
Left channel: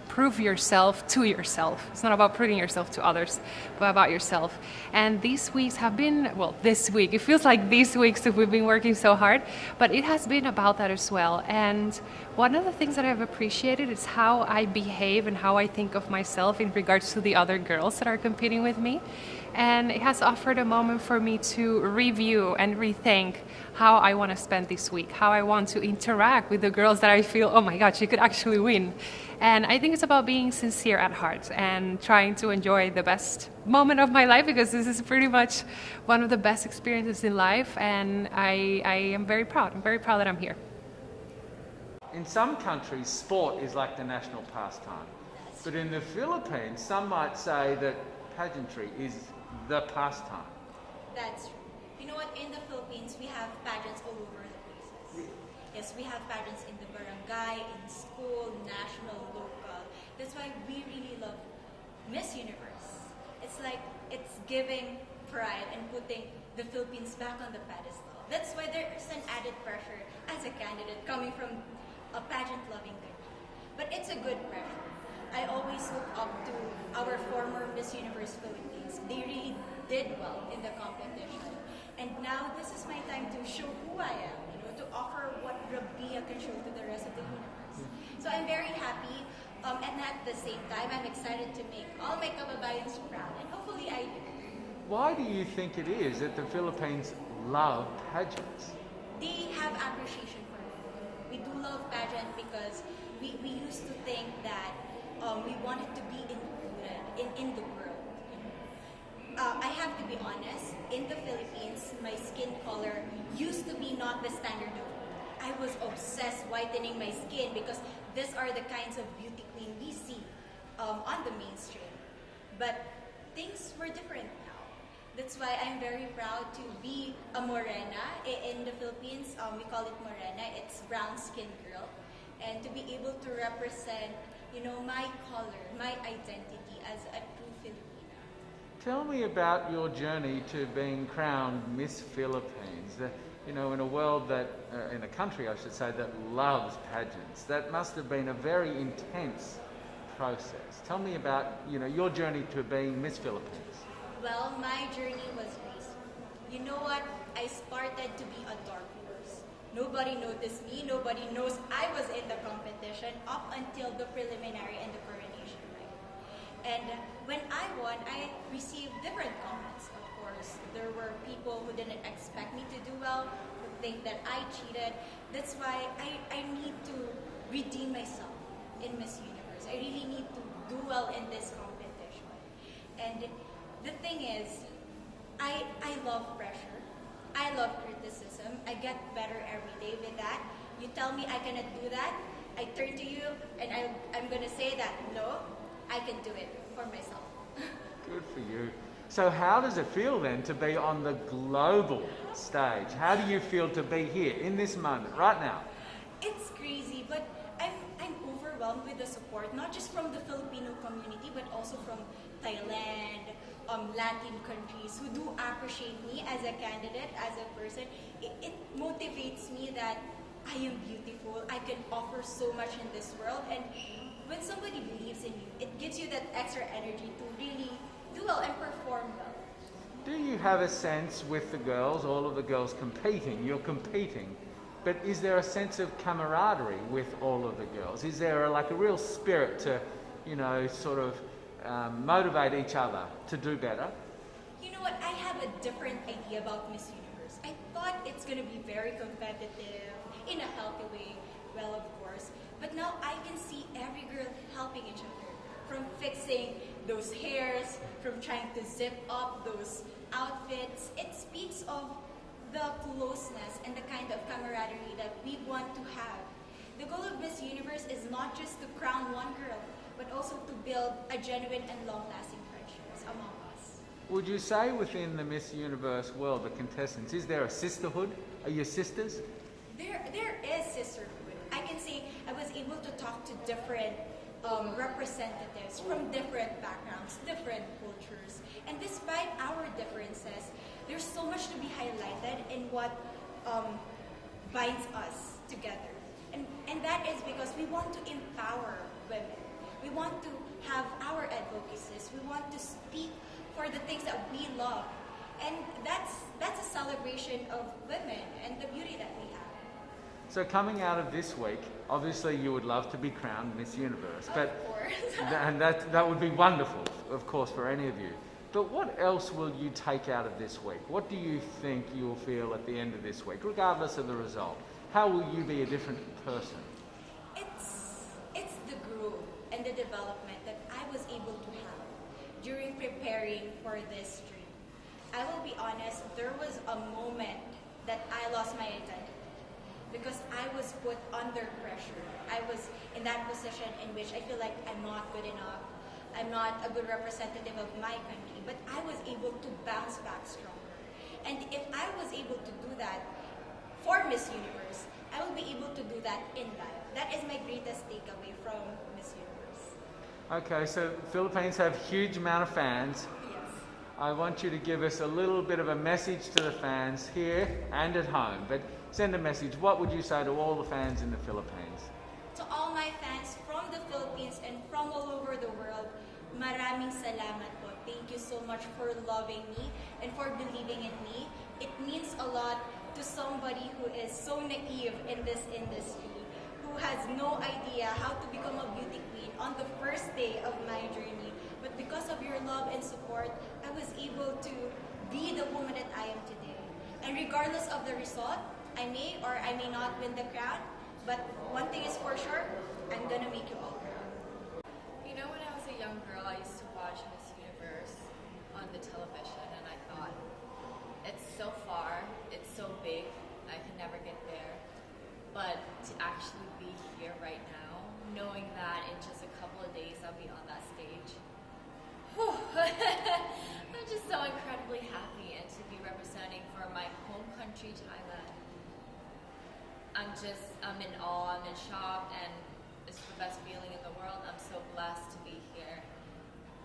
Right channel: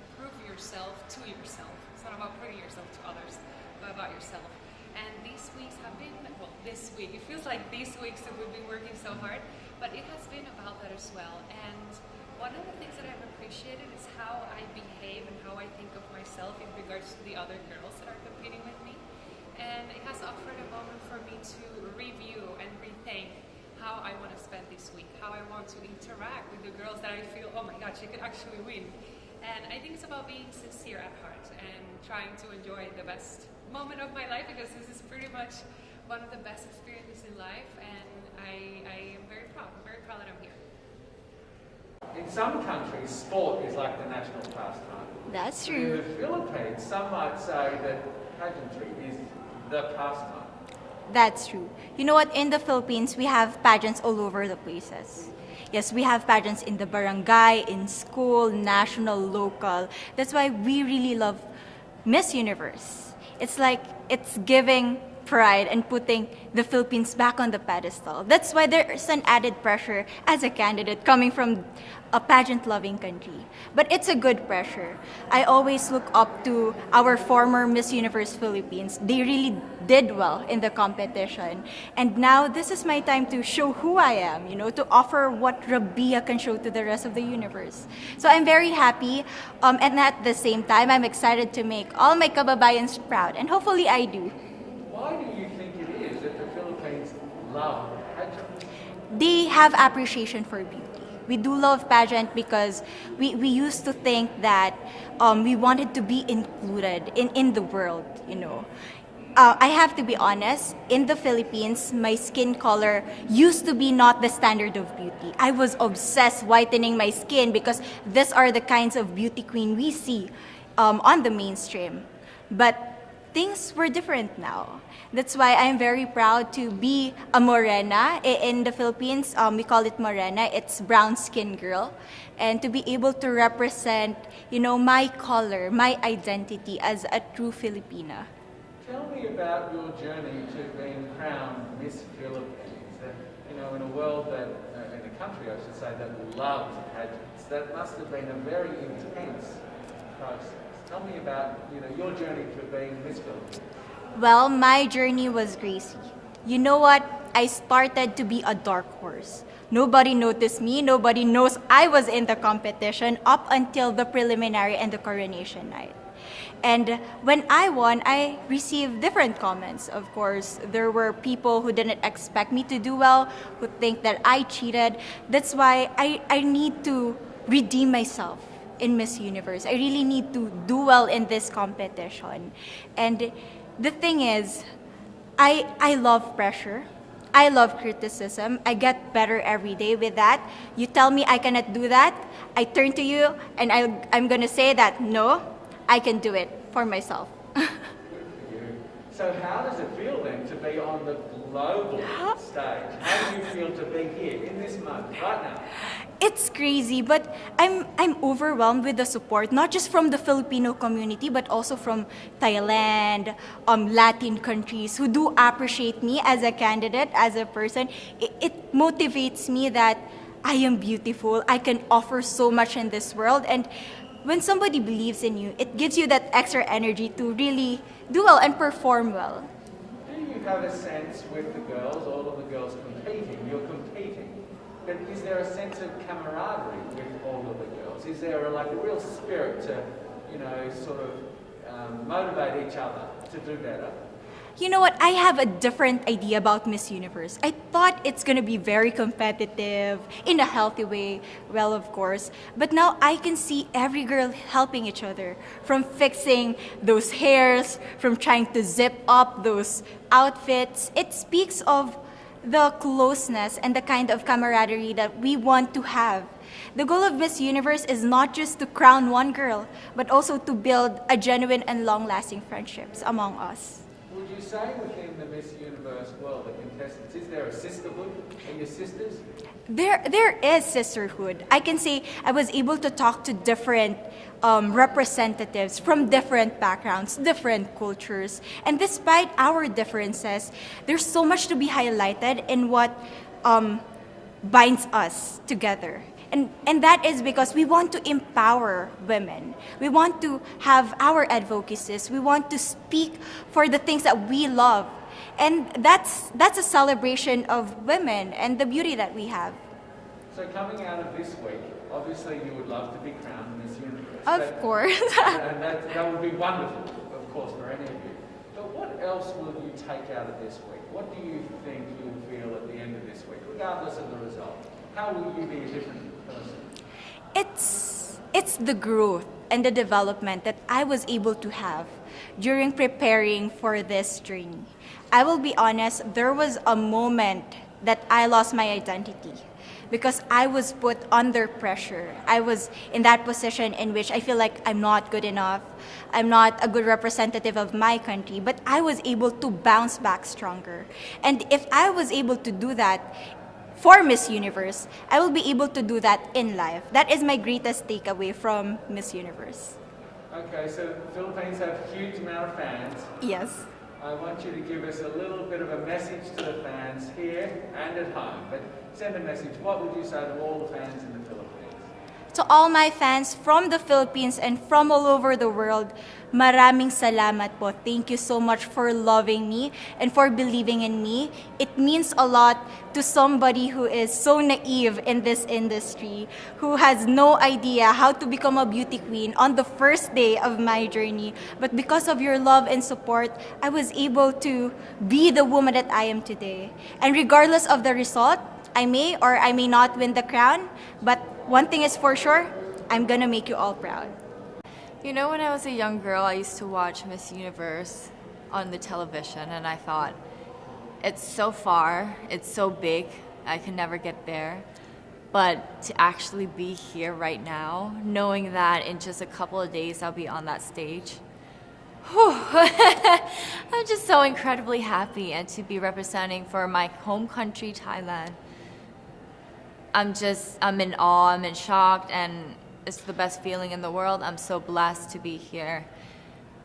prove yourself to yourself. It's not about proving yourself to others, but about yourself. And these weeks have been, well, this week, it feels like these weeks that we've been working so hard, but it has been about that as well. And one of the things that I've appreciated is how I behave and how I think of myself in regards to the other girls that are competing with me. And it has offered a moment for me to review and rethink how I want to spend this week, how I want to interact with the girls that I feel, oh my God, she could actually win. And I think it's about being sincere at heart and trying to enjoy the best moment of my life, because this is pretty much one of the best experiences in life, and I am very proud. I'm very proud that I'm here. In some countries, sport is like the national pastime. That's But in true. the Philippines, some might say that pageantry is the pastime. That's true. You know what? In the Philippines, we have pageants all over the places. Yes, we have pageants in the barangay, in school, national, local. That's why we really love Miss Universe. It's like it's giving pride and putting the Philippines back on the pedestal. That's why there's an added pressure as a candidate coming from a pageant-loving country. But it's a good pressure. I always look up to our former Miss Universe Philippines. They really did well in the competition. And now this is my time to show who I am, to offer what Rabiya can show to the rest of the universe. So I'm very happy, and at the same time, I'm excited to make all my kababayans proud, and hopefully I do. Why do you think it is that the Philippines love pageants? They have appreciation for beauty. We do love pageant because we used to think that we wanted to be included in the world, I have to be honest, in the Philippines, my skin color used to be not the standard of beauty. I was obsessed whitening my skin because these are the kinds of beauty queen we see on the mainstream. But things were different now. That's why I'm very proud to be a morena. In the Philippines, we call it morena. It's brown skin girl. And to be able to represent, my color, my identity as a true Filipina. Tell me about your journey to being crowned Miss Philippines. In a world that, in a country I should say, that loves pageants. That must have been a very intense process. Tell me about, your journey to being Miss Philippines. Well, my journey was crazy. You know what? I started to be a dark horse. Nobody noticed me. Nobody knows I was in the competition up until the preliminary and the coronation night. And when I won, I received different comments. Of course, there were people who didn't expect me to do well, who think that I cheated. That's why I need to redeem myself in Miss Universe. I really need to do well in this competition. And the thing is, I love pressure. I love criticism. I get better every day with that. You tell me I cannot do that, I turn to you and I'm going to say that, no, I can do it for myself. Good for you. So how does it feel then to be on the global stage? How do you feel to be here in this moment, right now? It's crazy, but I'm overwhelmed with the support, not just from the Filipino community, but also from Thailand, Latin countries who do appreciate me as a candidate, as a person. It motivates me that I am beautiful, I can offer so much in this world, and when somebody believes in you, it gives you that extra energy to really do well and perform well. Do you have a sense with the girls, all of the girls competing, you're competing, but is there a sense of camaraderie with all of the girls? Is there a real spirit to, sort of motivate each other to do better? You know what? I have a different idea about Miss Universe. I thought it's going to be very competitive, in a healthy way, well, of course. But now I can see every girl helping each other, from fixing those hairs, from trying to zip up those outfits. It speaks of the closeness and the kind of camaraderie that we want to have. The goal of Miss Universe is not just to crown one girl, but also to build a genuine and long-lasting friendships among us. Would you say within the Miss Universe world, the contestants, is there a sisterhood? Are you sisters? There is sisterhood. I can say I was able to talk to different representatives from different backgrounds, different cultures. And despite our differences, there's so much to be highlighted in what binds us together. And that is because we want to empower women. We want to have our advocacies. We want to speak for the things that we love. And that's a celebration of women and the beauty that we have. So coming out of this week, obviously you would love to be crowned Miss Universe. Of course. And that would be wonderful, of course, for any of you. But what else will you take out of this week? What do you think you'll feel at the end of this week, regardless of the result? How will you be a different person? It's the growth and the development that I was able to have during preparing for this journey. I will be honest, there was a moment that I lost my identity because I was put under pressure. I was in that position in which I feel like I'm not good enough. I'm not a good representative of my country, but I was able to bounce back stronger. And if I was able to do that for Miss Universe, I will be able to do that in life. That is my greatest takeaway from Miss Universe. Okay, so Philippines have huge amount of fans. Yes. I want you to give us a little bit of a message to the fans here and at home. But send a message. What would you say to all the fans in the Philippines? To all my fans from the Philippines and from all over the world, maraming salamat po. Thank you so much for loving me and for believing in me. It means a lot to somebody who is so naive in this industry, who has no idea how to become a beauty queen on the first day of my journey. But because of your love and support, I was able to be the woman that I am today. And regardless of the result, I may or I may not win the crown, but one thing is for sure, I'm gonna make you all proud. You know, when I was a young girl, I used to watch Miss Universe on the television, and I thought, it's so far, it's so big, I can never get there. But to actually be here right now, knowing that in just a couple of days I'll be on that stage, whew, I'm just so incredibly happy, and to be representing for my home country, Thailand. I'm in awe, I'm in shock, and it's the best feeling in the world. I'm so blessed to be here.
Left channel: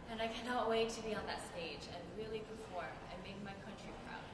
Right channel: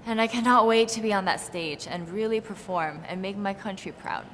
And I cannot wait to be on that stage and really perform and make my country proud.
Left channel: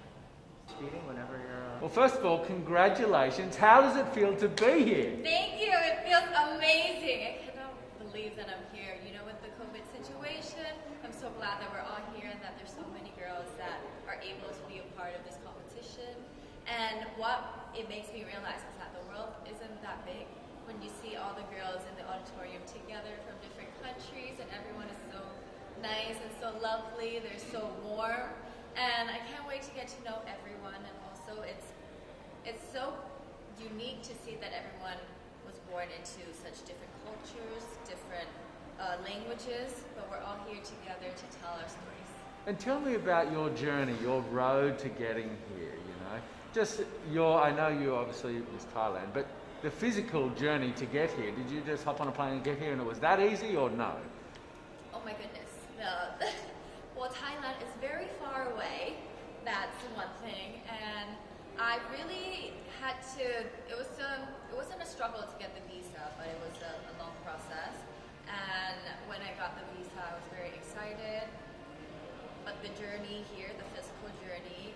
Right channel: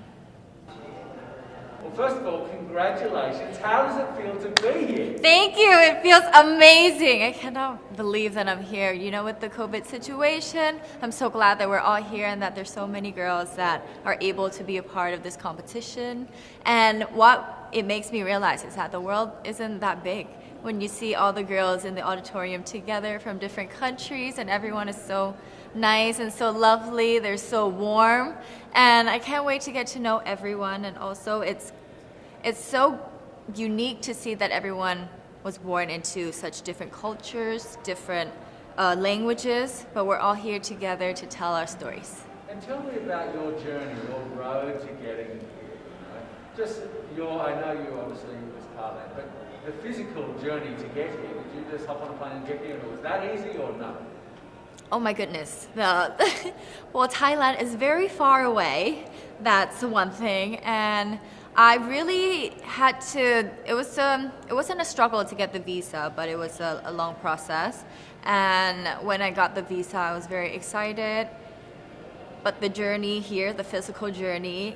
Well, first of all, congratulations. How does it feel to be here? Thank you, it feels amazing. I cannot believe that I'm here. You know, with the COVID situation, I'm so glad that we're all here and that there's so many girls that are able to be a part of this competition. And what it makes me realize is that the world isn't that big. When you see all the girls in the auditorium together from different countries, and everyone is so nice and so lovely, they're so warm, and I can't wait to get to know everyone. And also it's so unique to see that everyone was born into such different cultures, different languages, but we're all here together to tell our stories. And tell me about your journey, your road to getting here, you know. Just I know you obviously was Thailand, but the physical journey to get here, did you just hop on a plane and get here and it was that easy or no? Oh my goodness. Well, Thailand is very far away. That's one thing. And I really had to, it wasn't a struggle to get the visa, but it was a long process. And when I got the visa, I was very excited. But the journey here, the physical journey,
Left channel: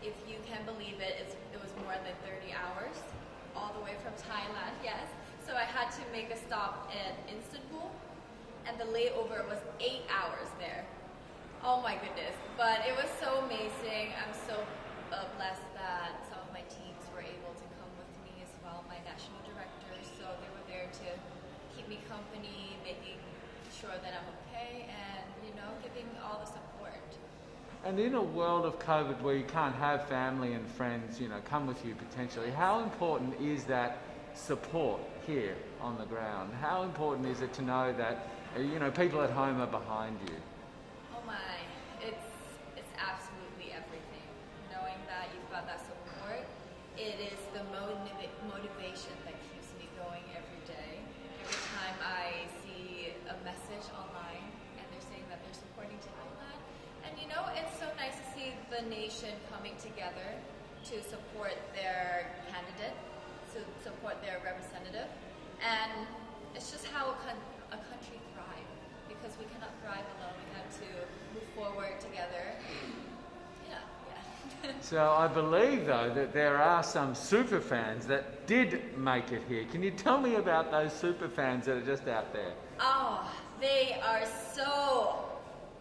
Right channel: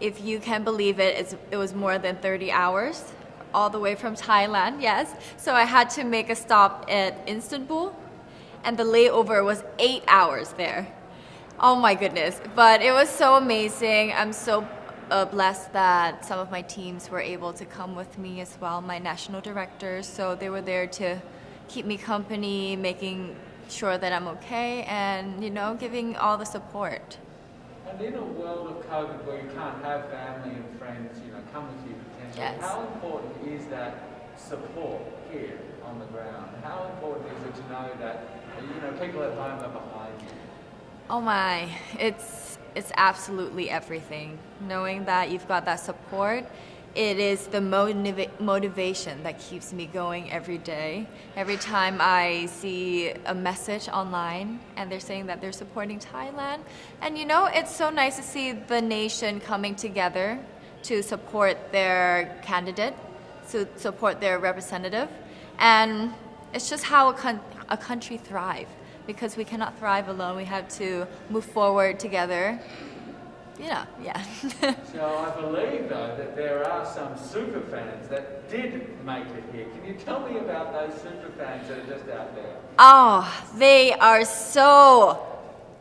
if you can believe it, it was more than 30 hours. All the way from Thailand, yes. So I had to make a stop at Istanbul, and the layover was 8 hours there. Oh my goodness, but it was so amazing. I'm so blessed that some of my teams were able to come with me as well, my national directors. So they were there to keep me company, making sure that I'm okay, and you know, giving all the support. And in a world of COVID where you can't have family and friends, you know, come with you potentially, Yes. How important is that support here on the ground? How important is it to know that, you know, people at home are behind you? Oh my, it's absolutely everything. Knowing that you've got that support, it is the motivation that keeps me going every day. Every time I see a message online and they're saying that they're supporting Thailand, and you know, it's so nice to see the nation coming together to support their candidate, to support their representative, and it's just how a country thrives. Because we cannot thrive alone, we have to move forward together. Yeah. So I believe though that there are some super fans that did make it here. Can you tell me about those super fans that are just out there? Oh, they are so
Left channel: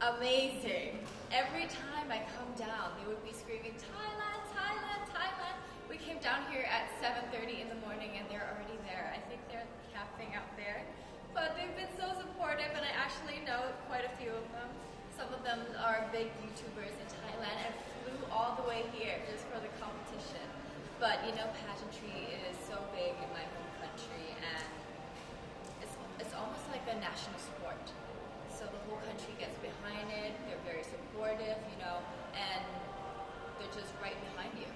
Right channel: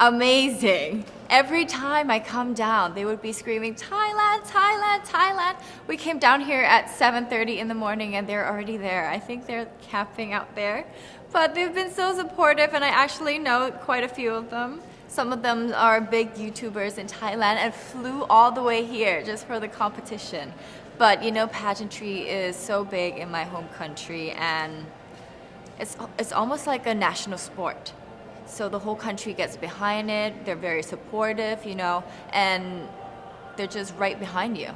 amazing. Every time I come down, they would be screaming, Thailand, Thailand, Thailand. We came down here at 7:30 in the morning and they're already there. I think they're camping out there. But they've been so supportive, and I actually know quite a few of them. Some of them are big YouTubers in Thailand and flew all the way here just for the competition. But you know, pageantry is so big in my home country, and it's almost like a national sport. So the whole country gets behind it. They're very supportive, you know, and they're just right behind you.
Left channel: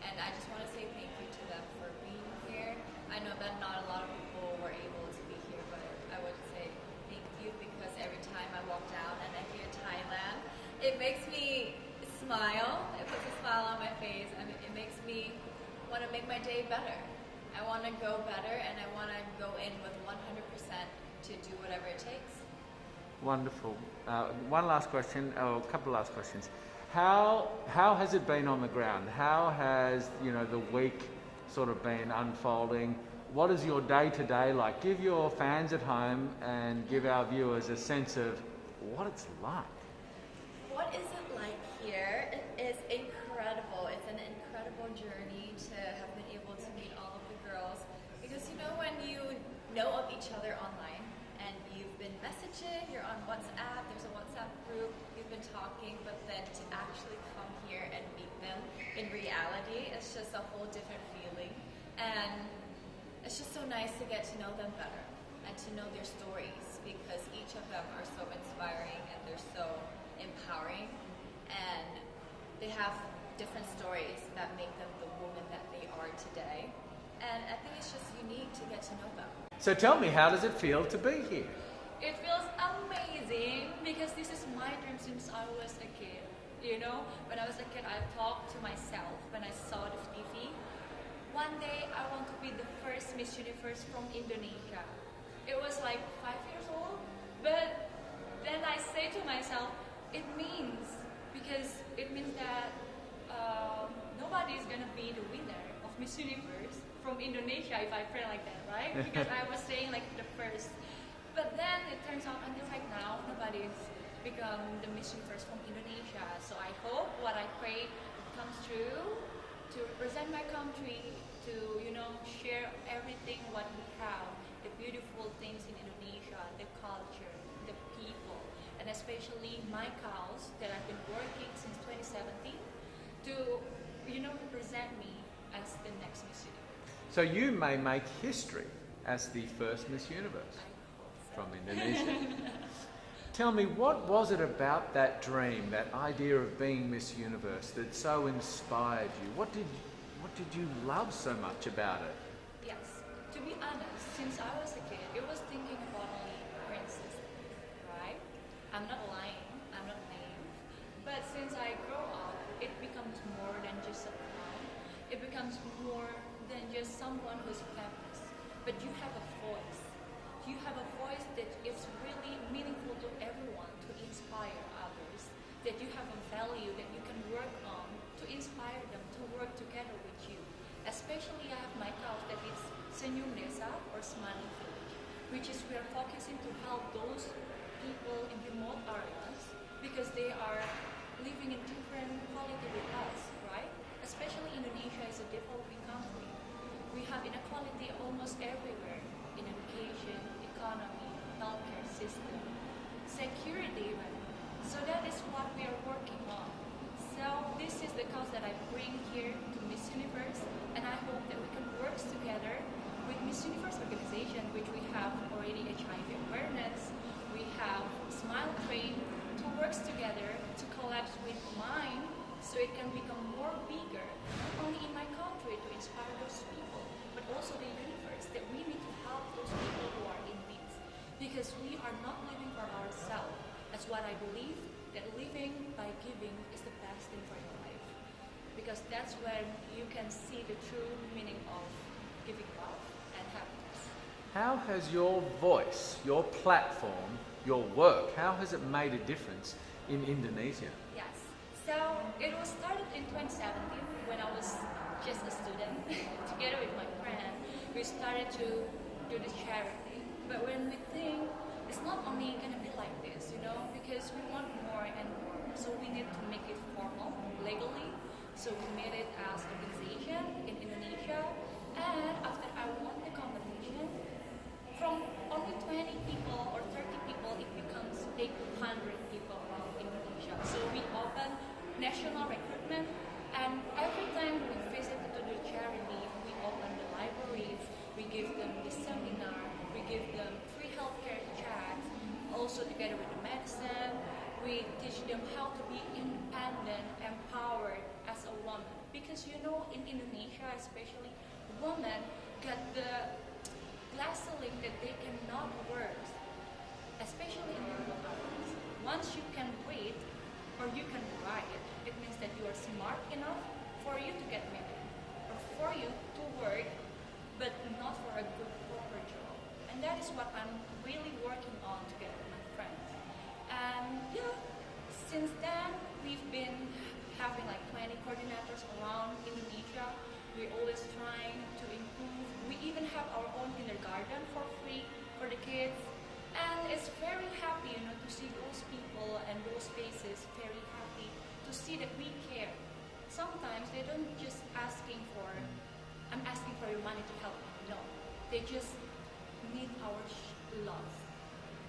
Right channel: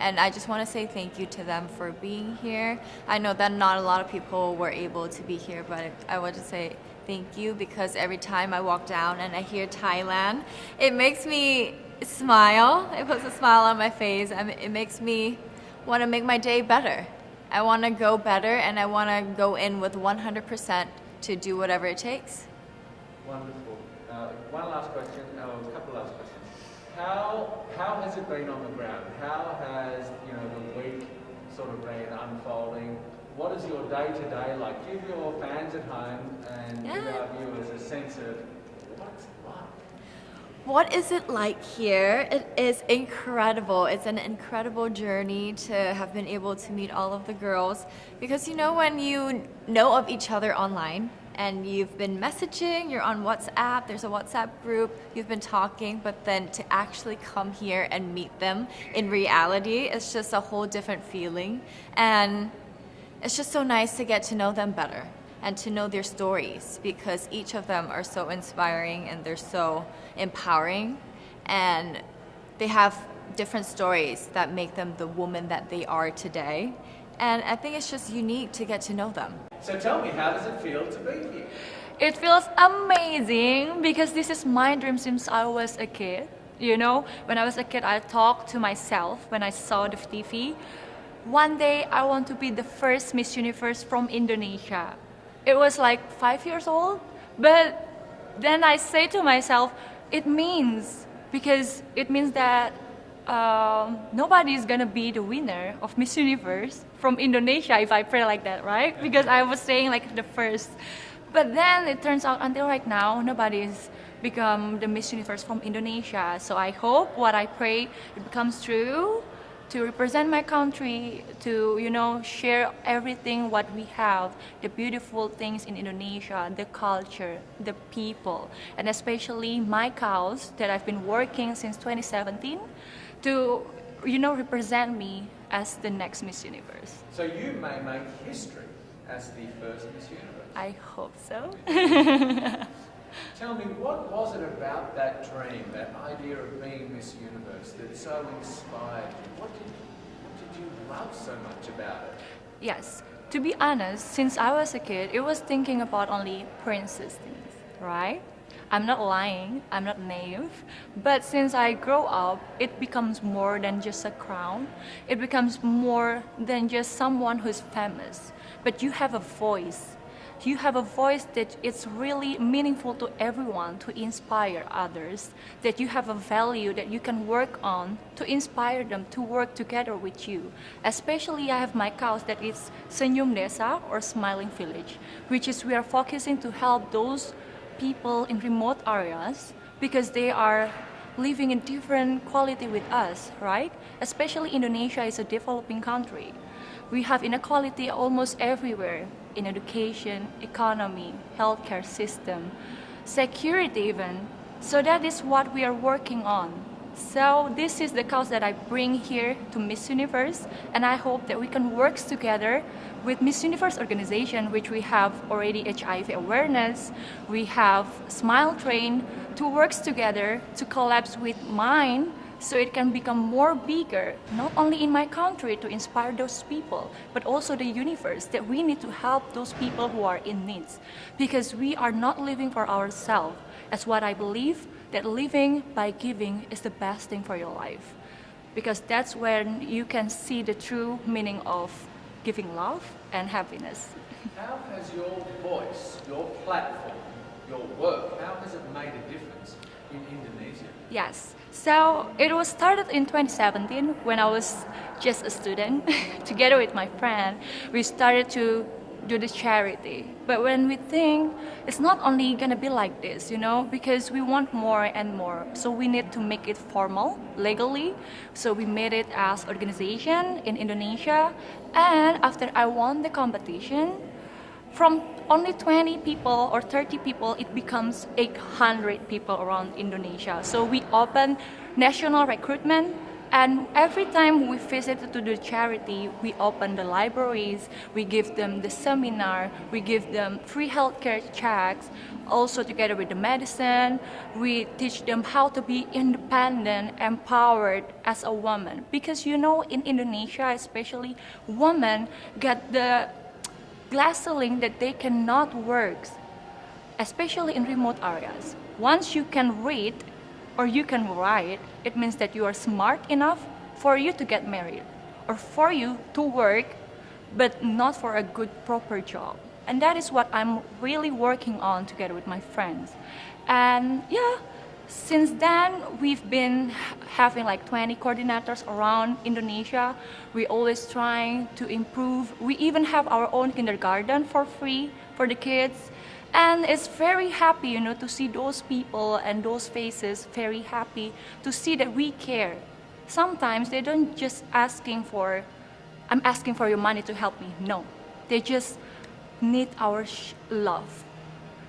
And I just want to say thank you to them for being here. I know that not a lot of people were able to be here, but I want to say thank you, because every time I walk down and I hear Thailand, it makes me smile. It puts a smile on my face, and it makes me want to make my day better. I want to go better, and I want to go in with 100% to do whatever it takes. Wonderful. One last question, a couple last questions. How has it been on the ground? How has the week sort of been unfolding? What is your day-to-day like? Give your fans at home and give our viewers a sense of what it's like. What is it like here? It is incredible. It's an incredible journey to have been able to meet all of the girls, because you know, when you know of each other online and you've been messaging, you're on WhatsApp, there's a WhatsApp group, you've been talking, but then to actually come here and meet them in reality, it's just a whole different feeling. And it's just so nice to get to know them better and to know their stories, because each of them are so inspiring and they're so empowering, and they have different stories that make them the woman that they are today. And I think it's just unique to get to know them. So tell me, how does it feel to be here? It feels amazing, because this is my dream since I was a kid. You know, when I was a kid, I talked to myself when I saw the TV. One day I want to be the first Miss Universe from Indonesia. It was like 5 years old, but then I say to myself, it means that nobody is gonna be the winner of Miss Universe from Indonesia if I pray like that, right? Because I was saying like the first. But then it turns out until right now, nobody's become the Miss Universe from Indonesia. So I hope what I pray it becomes true, to represent my country, to share everything what we have, the beautiful things in Indonesia, the culture, the people, and especially my cause that I've been working since 2017 to represent me as the next Miss Universe. So you may make history as the first Miss Universe. I hope so. Tell me, what was it about that dream, that idea of being Miss Universe, that so inspired you? What did you love so much about it? Yes, to be honest, since I was a kid, it was thinking about only princess things, right? I'm not lying, I'm not naive, but since I grow up, it becomes more than just a crown. It becomes more than just someone who's famous, but you have a voice. You have a voice that it's really meaningful to everyone, to inspire others, that you have a value that you can work on to inspire them to work together with you. Especially I have my cause that is Senyum Desa, or Smiling Village, which is we are focusing to help those people in remote areas, because they are living in different quality with us, right? Especially Indonesia is a developing country. We have inequality almost everywhere, in education, economy, healthcare system, security even. So that is what we are working on. So this is the cause that I bring here to Miss Universe, and I hope that we can work together with Miss Universe organization, which we have already HIV awareness, we have Smile Train, to work together to collapse with mine, so it can become more bigger, not only in my country to inspire those people, but also the universe, that we need to help those people who are in need. Because we are not living for ourselves. As what I believe, that living by giving is the best thing for your life. Because that's when you can see the true meaning of giving love and happiness. How has your voice, your platform, your work, how has it made a difference in Indonesia? Yes. So it was started in 2017 when I was just a student. Together with my friend, we started to do the charity. But when we think it's not only gonna be like this, because we want more and more. So we need to make it formal, legally. So we made it as organization in Indonesia. And after I won the competition, from only 20 people or 30 people, it becomes 800 people around Indonesia. So we open national recruitment, and every time we visit to the charity, we open the libraries, we give them the seminar, we give them free healthcare checks, also together with the medicine, we teach them how to be independent, empowered as a woman. Because you know, in Indonesia especially, women get the glass ceiling that they cannot work, especially in remote areas. Once you can read or you can write, it means that you are smart enough for you to get married or for you to work, but not for a good proper job. And that is what I'm really working on together with my friends. And yeah, since then we've been having like 20 coordinators around Indonesia. We always trying to improve. We even have our own kindergarten for free for the kids. And it's very happy, you know, to see those people and those faces very happy to see that we care. Sometimes they don't just asking for, I'm asking for your money to help me. No, they just need our love.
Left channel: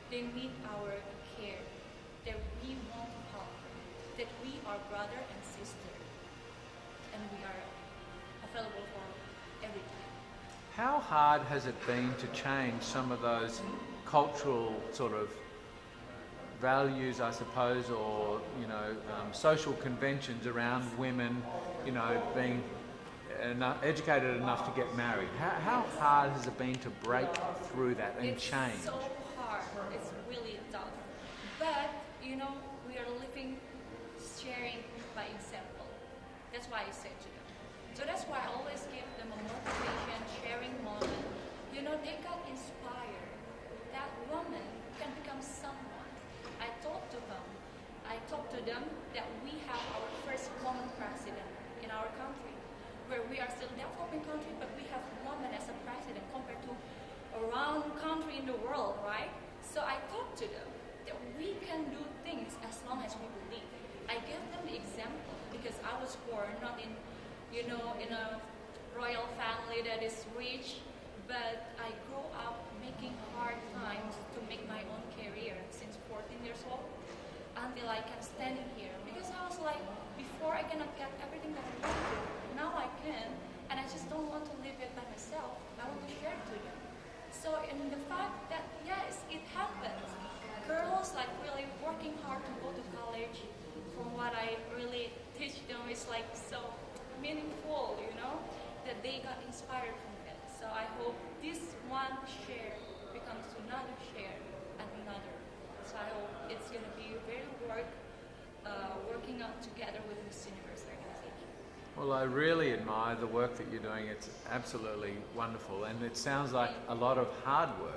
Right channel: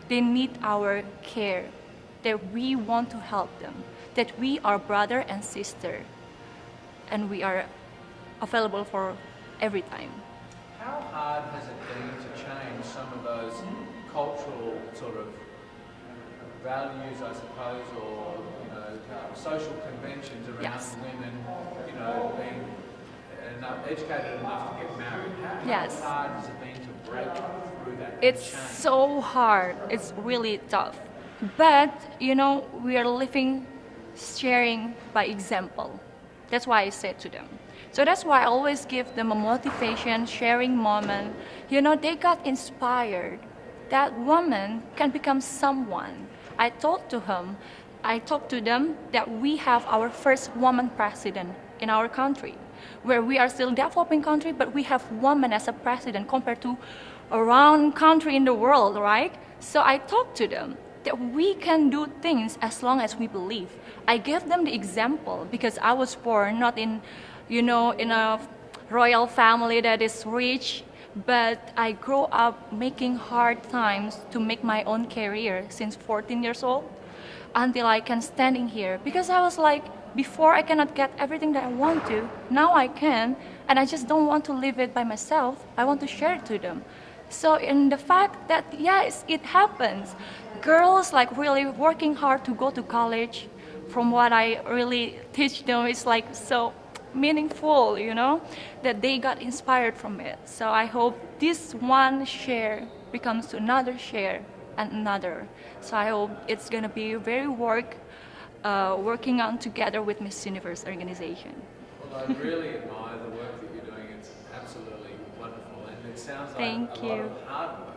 They need our care, that we want to help them, that we are brother and sister, and we are available for every time. How hard has it been to change some of those cultural sort of values, I suppose, or social conventions around women, being educated enough to get married? How hard has it been to break through that and it's change? So hard. It's really tough. But, we are living, sharing by example. That's why I said to them. So that's why I always give them a motivation, sharing moment. They got inspired. That woman can become someone. I talked to them that we have our first woman president in our country, where we are still developing country, but we have women as a president compared to around country in the world, right? So I talked to them that we can do things as long as we believe. I gave them the example because I was born not in, in a royal family that is rich, but I grew up making hard times to make my own career since 14 years old until I can standing here. Because I was like, before I cannot get everything that I want to, now I can, and I just don't want to live it by myself. I want to share it to them. So in the fact that, yes, it happens. Girls like really working hard to go to college, from what I really teach them, it's like so meaningful, that they got inspired from it. So I hope this one share becomes another share and another. So I hope it's gonna be very working on together with Miss Universe organization. Well, I really admire the work that you're doing. It's absolutely wonderful, and it sounds like a lot of hard work.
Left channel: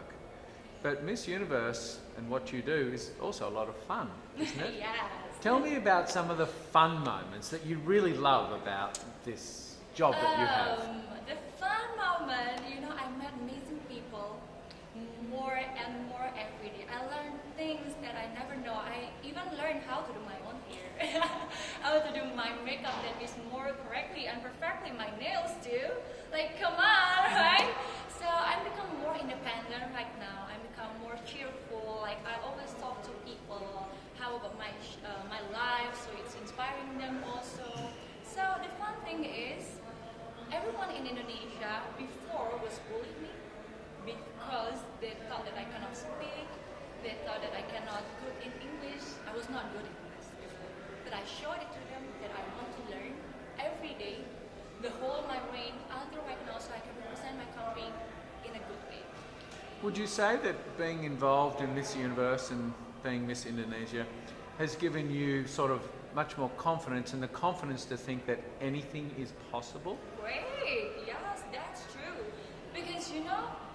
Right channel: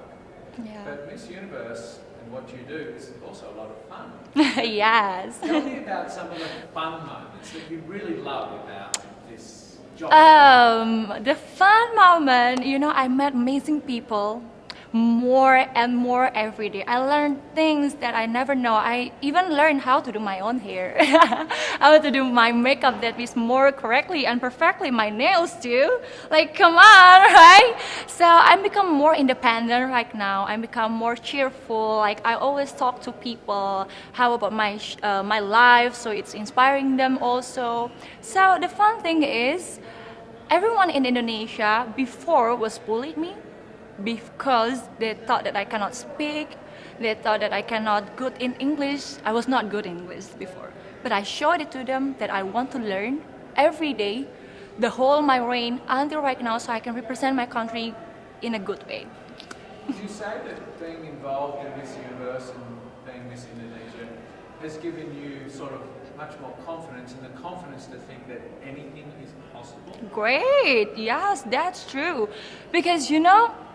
Yeah. But Miss Universe and what you do is also a lot of fun. Yes. Tell me about some of the fun moments that you really love about this job. The fun moment, I met amazing people more and more every day. I learned things that I never know. I even learned how to do my own hair. How to do my makeup that is more correctly and perfectly, my nails too. Like, come on, right? So I become more independent right now. I become more cheerful. Like, I always talk to people how about my life, so it's inspiring them also. So the fun thing is, everyone in Indonesia before was bullied me, because they thought that I cannot speak, they thought that I cannot good in English. I was not good in English before. But I showed it to them that I want to learn every day, the whole my reign until right now, so I can represent my country in a good way. Would you say that being involved in Miss Universe and being Miss Indonesia has given you sort of much more confidence, and the confidence to think that anything is possible? Great, yes, that's true. Because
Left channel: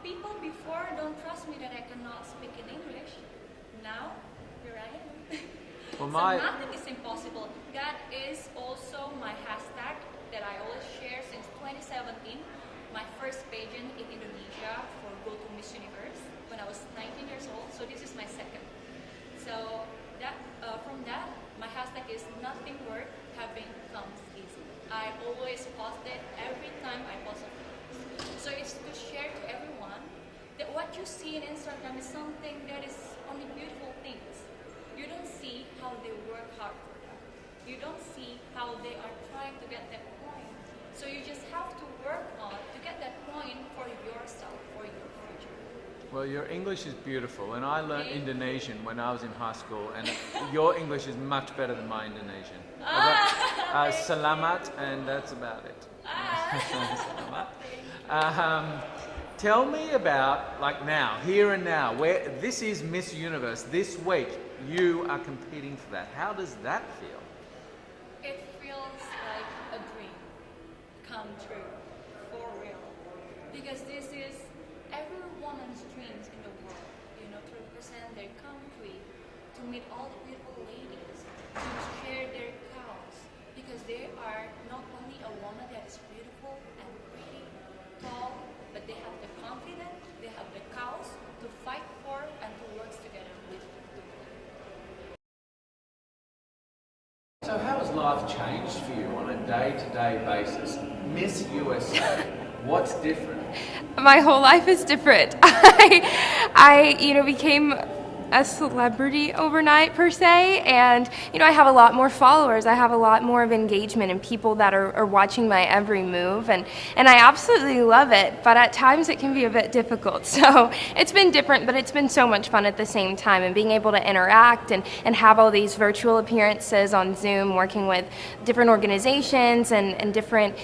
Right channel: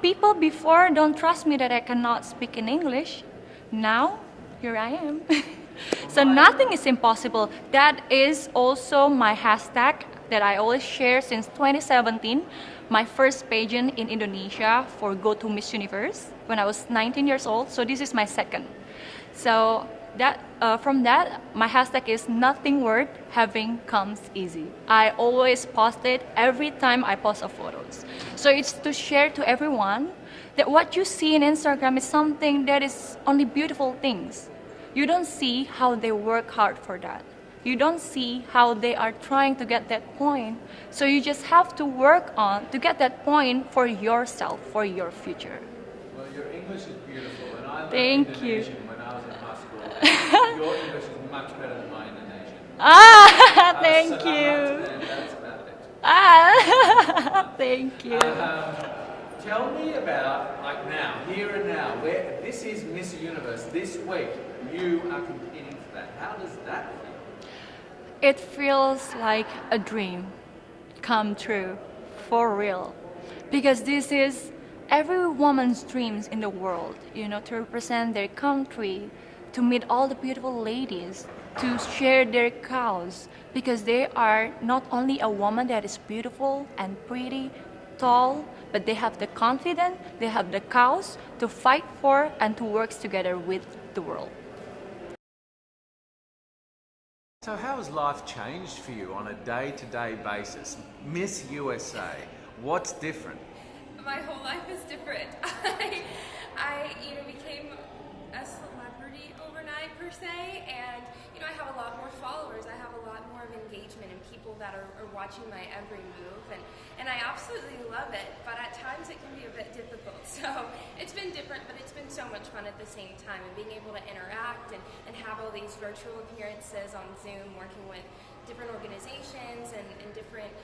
people before don't trust me that I cannot speak in English. Now, here I am. So nothing is impossible. That is also my hashtag that I always share since 2017. My first pageant in Indonesia for Go to Miss Universe when I was 19 years old. So this is my second. So from that, my hashtag is nothing worth having comes easy. I always post it every time I post a photos. So it's to share to everyone that what you see in Instagram is something that is only beautiful things. You don't see how they work hard for that. You don't see how they are trying to get that point. So you just have to work on to get that point for yourself, for your future. Well, your English is beautiful, and I learned Thank Indonesian you. when I was in high school, and your English is much better than my Indonesian. Thank Selamat, you. and that's about it. Thank you. Tell me about, like now, here and now, where this is Miss Universe. This week, you are competing for that. How does that feel? It feels like a dream come true, for real. Because this is every woman's dreams in the world, you know, to represent their country, to meet all the beautiful ladies, to share their cause, because they are not only a woman that is beautiful and pretty, tall, but they have the confidence, they have the cause to fight for and to work together with the world. So how has life changed for you on a day-to-day basis? Miss USA, what's different? My whole life is different. I became a celebrity overnight per se, and I have a lot more followers. I have a lot more of engagement and people that are watching my every move, and I absolutely love it, but at times it can be a bit difficult. So it's been different, but it's been so much fun at the same time, and being able to interact and have all these virtual appearances on Zoom, working with different organizations and different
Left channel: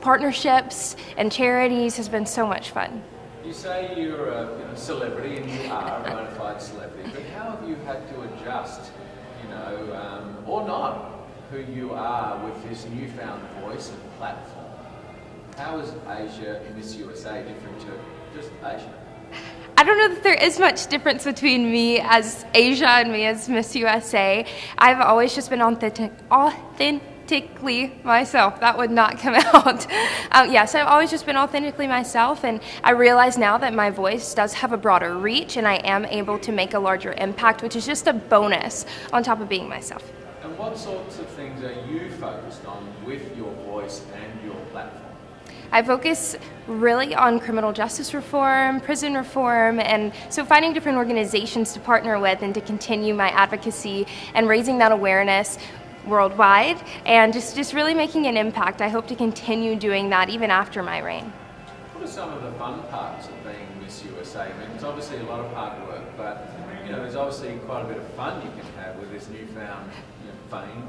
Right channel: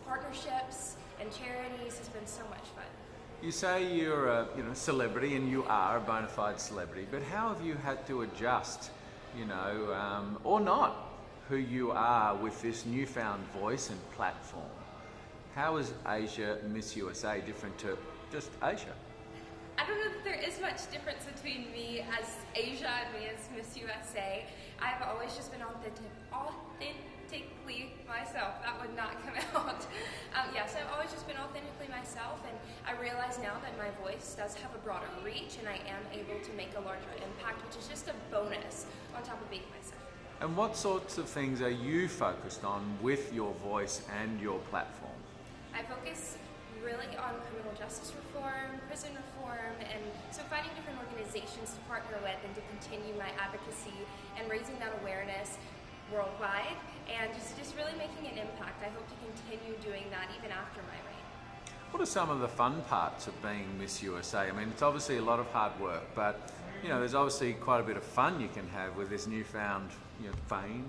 partnerships and charities has been so much fun. You say you're a celebrity, and you are a bona fide celebrity, but how have you had to adjust, or not, who you are with this newfound voice and platform? How is Asia Miss USA different to just Asia? I don't know that there is much difference between me as Asia and me as Miss USA. I've always just been authentically myself. That would not come out. Yes, I've always just been authentically myself, and I realize now that my voice does have a broader reach and I am able to make a larger impact, which is just a bonus on top of being myself. And what sorts of things are you focused on with your voice and your platform? I focus really on criminal justice reform, prison reform, and so finding different organizations to partner with and to continue my advocacy and raising that awareness worldwide, and just really making an impact. I hope to continue doing that even after my reign. What are some of the fun parts of being Miss USA? I mean, it's obviously a lot of hard work, but there's obviously quite a bit of fun you can have with this newfound fame.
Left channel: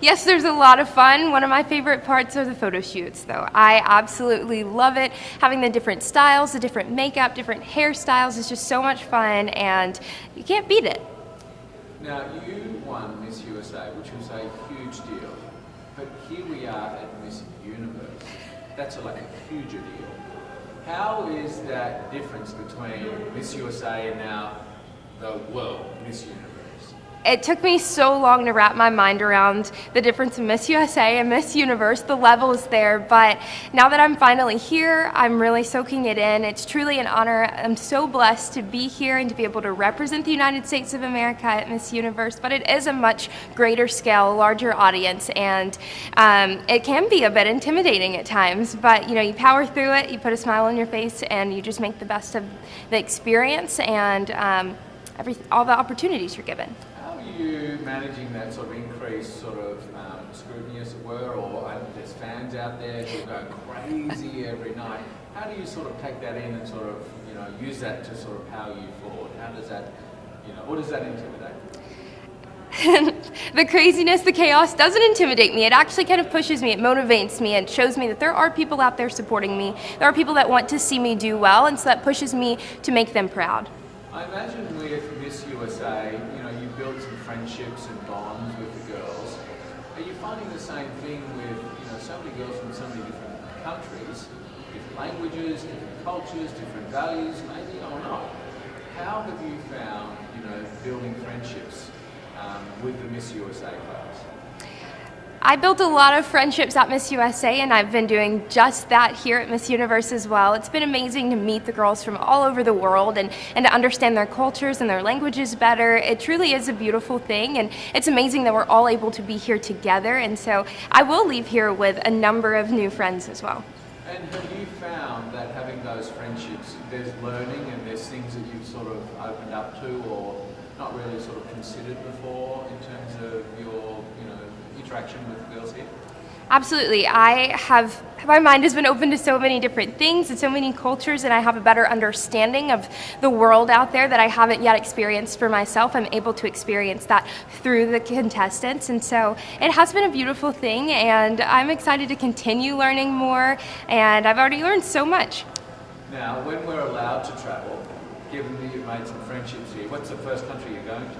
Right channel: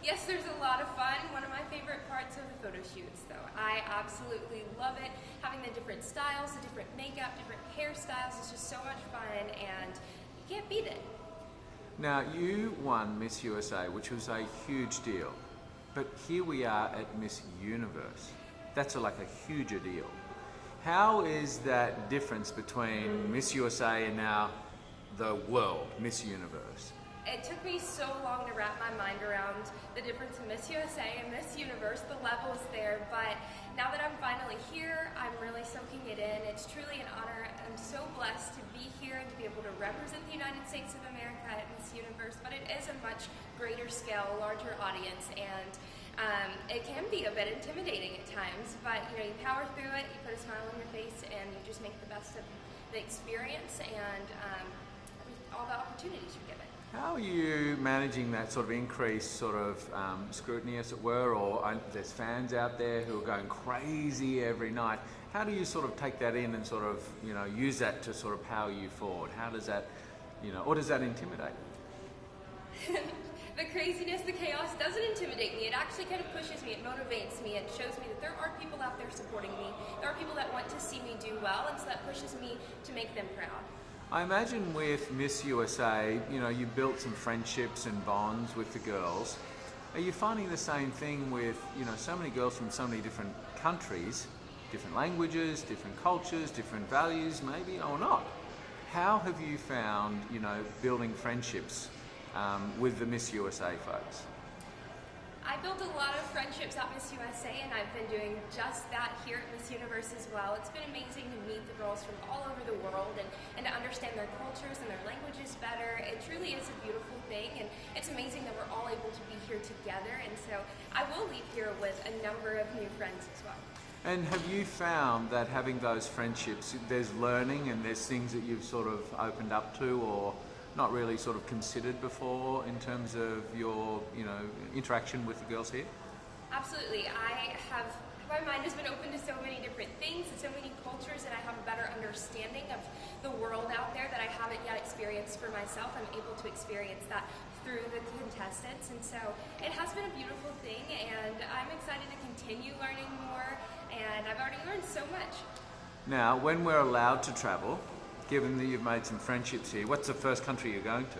Yes, there's a lot of fun. One of my favorite parts are the photo shoots, though. I absolutely love it. Having the different styles, the different makeup, different hairstyles is just so much fun, and you can't beat it. Now, you won Miss USA, which was a huge deal, but here we are at Miss Universe. That's like a huger deal. How is that difference between Miss USA and now the world Miss Universe? It took me so long to wrap my mind around the difference in Miss USA and Miss Universe. The level is there, but now that I'm finally here, I'm really soaking it in. It's truly an honor. I'm so blessed to be here and to be able to represent the United States of America at Miss Universe, but it is a much greater scale, larger audience, and it can be a bit intimidating at times, but you power through it, you put a smile on your face, and you just make the best of the experience and all the opportunities you're given. How are you managing that sort of increased sort of scrutiny, as it were, or there's fans out there who are going crazy every night? How do you sort of take that in and sort of, use that to sort of power you forward? How does that, or does that intimidate? The craziness, the chaos doesn't intimidate me. It actually kind of pushes me, it motivates me, and shows me that there are people out there supporting me. There are people that want to see me do well, and so that pushes me to make them proud. I imagine with Miss USA, you built some friendships and bonds with the girls. Are you finding the same thing with, so many girls from so many different countries, different languages, different cultures, different values, maybe, or not? How have you found, building friendships with the Miss USA folks? I built a lot of friendships at Miss USA, and I've been doing just that here at Miss Universe as well. It's been amazing to meet the girls from all over the world and to understand their cultures and their languages better. It truly is a beautiful thing, and it's amazing that we're all able to be here together, and so I will leave here with a number of new friends as well. And have you found that having those friendships, there's learning and there's things that you've sort of opened up to or not really sort of considered before in terms of your, interaction with the girls here? Absolutely. My mind has been open to so many different things and so many cultures, and I have a better understanding of the world out there that I haven't yet experienced for myself. I'm able to experience that through the contestants, and so it has been a beautiful thing, and I'm excited to continue learning more, and I've already learned so much. Now, when we're allowed to travel, given that you've made some friendships here, what's the first country you're going to?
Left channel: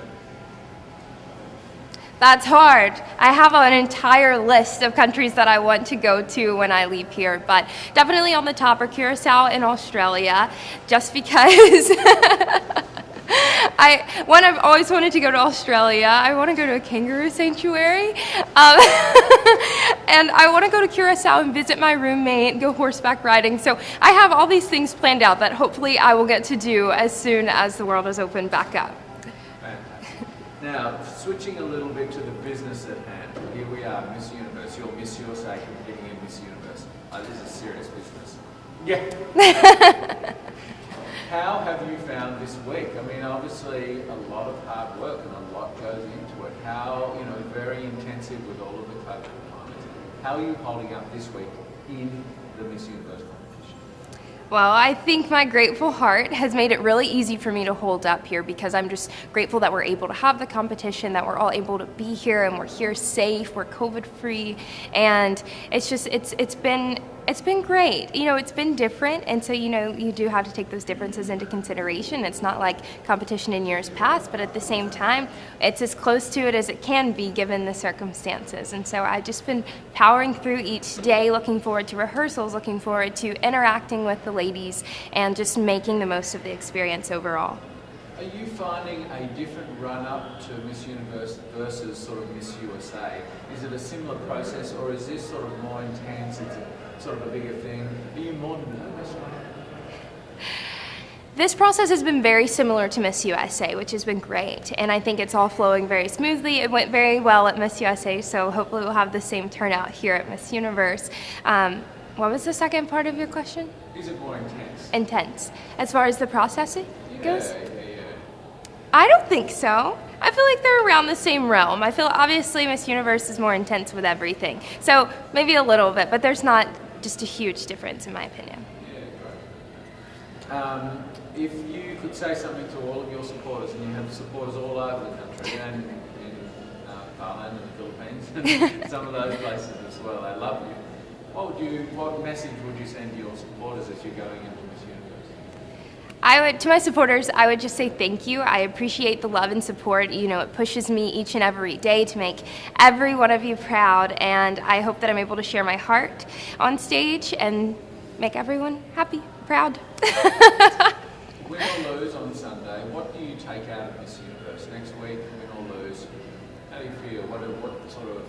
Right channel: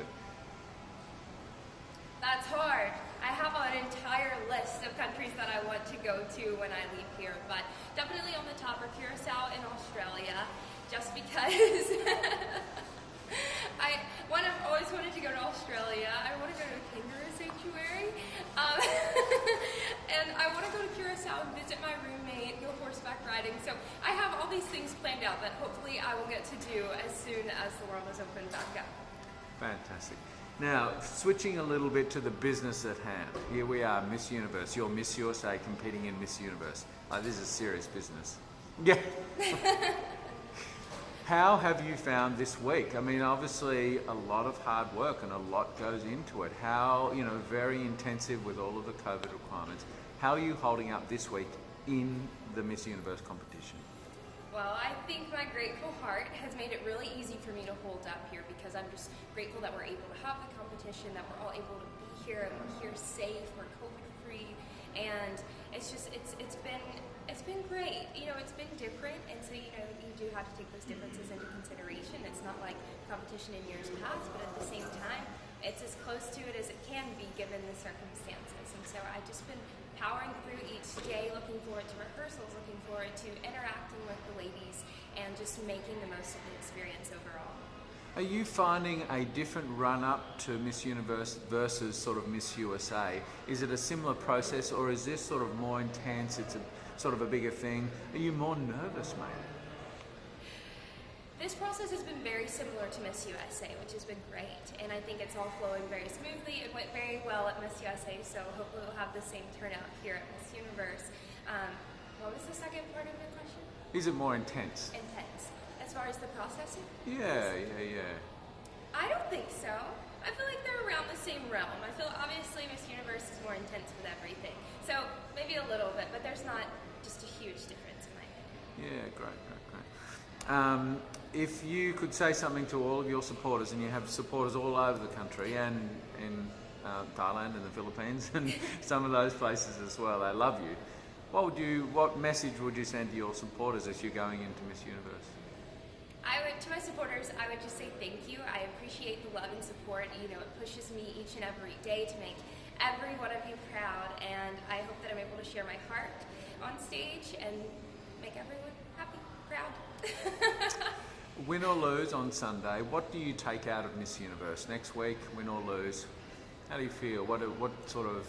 That's hard. I have an entire list of countries that I want to go to when I leave here, but definitely on the top are Curacao and Australia, just because I've always wanted to go to Australia. I want to go to a kangaroo sanctuary, and I want to go to Curacao and visit my roommate, go horseback riding. So I have all these things planned out that hopefully I will get to do as soon as the world is opened back up. Now, switching a little bit to the business at hand. Here we are, Miss Universe. You're Miss USA competing in Miss Universe. This is serious business. Yeah. How have you found this week? I mean, obviously a lot of hard work and a lot goes into it. How, very intensive with all of the COVID requirements. How are you holding up this week in the Miss Universe competition? Well, I think my grateful heart has made it really easy for me to hold up here because I'm just grateful that we're able to have the competition, that we're all able to be here and we're here safe, we're COVID-free, and it's been great. It's been different, and so you do have to take those differences into consideration. It's not like competition in years past, but at the same time, it's as close to it as it can be given the circumstances. And so I've just been powering through each day, looking forward to rehearsals, looking forward to interacting with the ladies, and just making the most of the experience overall. Are you finding a different run-up to Miss Universe versus sort of Miss USA? Is it a similar process, or is this sort of more intense? It's sort of a bigger thing. Are you more nervous, mate? This process has been very similar to Miss USA, which has been great, and I think it's all flowing very smoothly. It went very well at Miss USA, so hopefully we'll have the same turnout here at Miss Universe. What was the second part of your question? Is it more intense? Intense. As far as the processing goes? Yeah. I don't think so. I feel like they're around the same realm. I feel obviously Miss Universe is more intense with everything. So maybe a little bit, but there's not just a huge difference in my opinion. Yeah, great. If you could say something to all of your supporters, and you have supporters all over the country and in Thailand and the Philippines and some of those places as well, they love you. What message would you send to your supporters if you're going into Miss Universe? To my supporters, I would just say thank you. I appreciate the love and support. It pushes me each and every day to make every one of you proud, and I hope that I'm able to share my heart on stage and make everyone happy, proud. Win or lose on Sunday, what do you take out of Miss Universe? Next week, win or lose, how do you feel? What sort of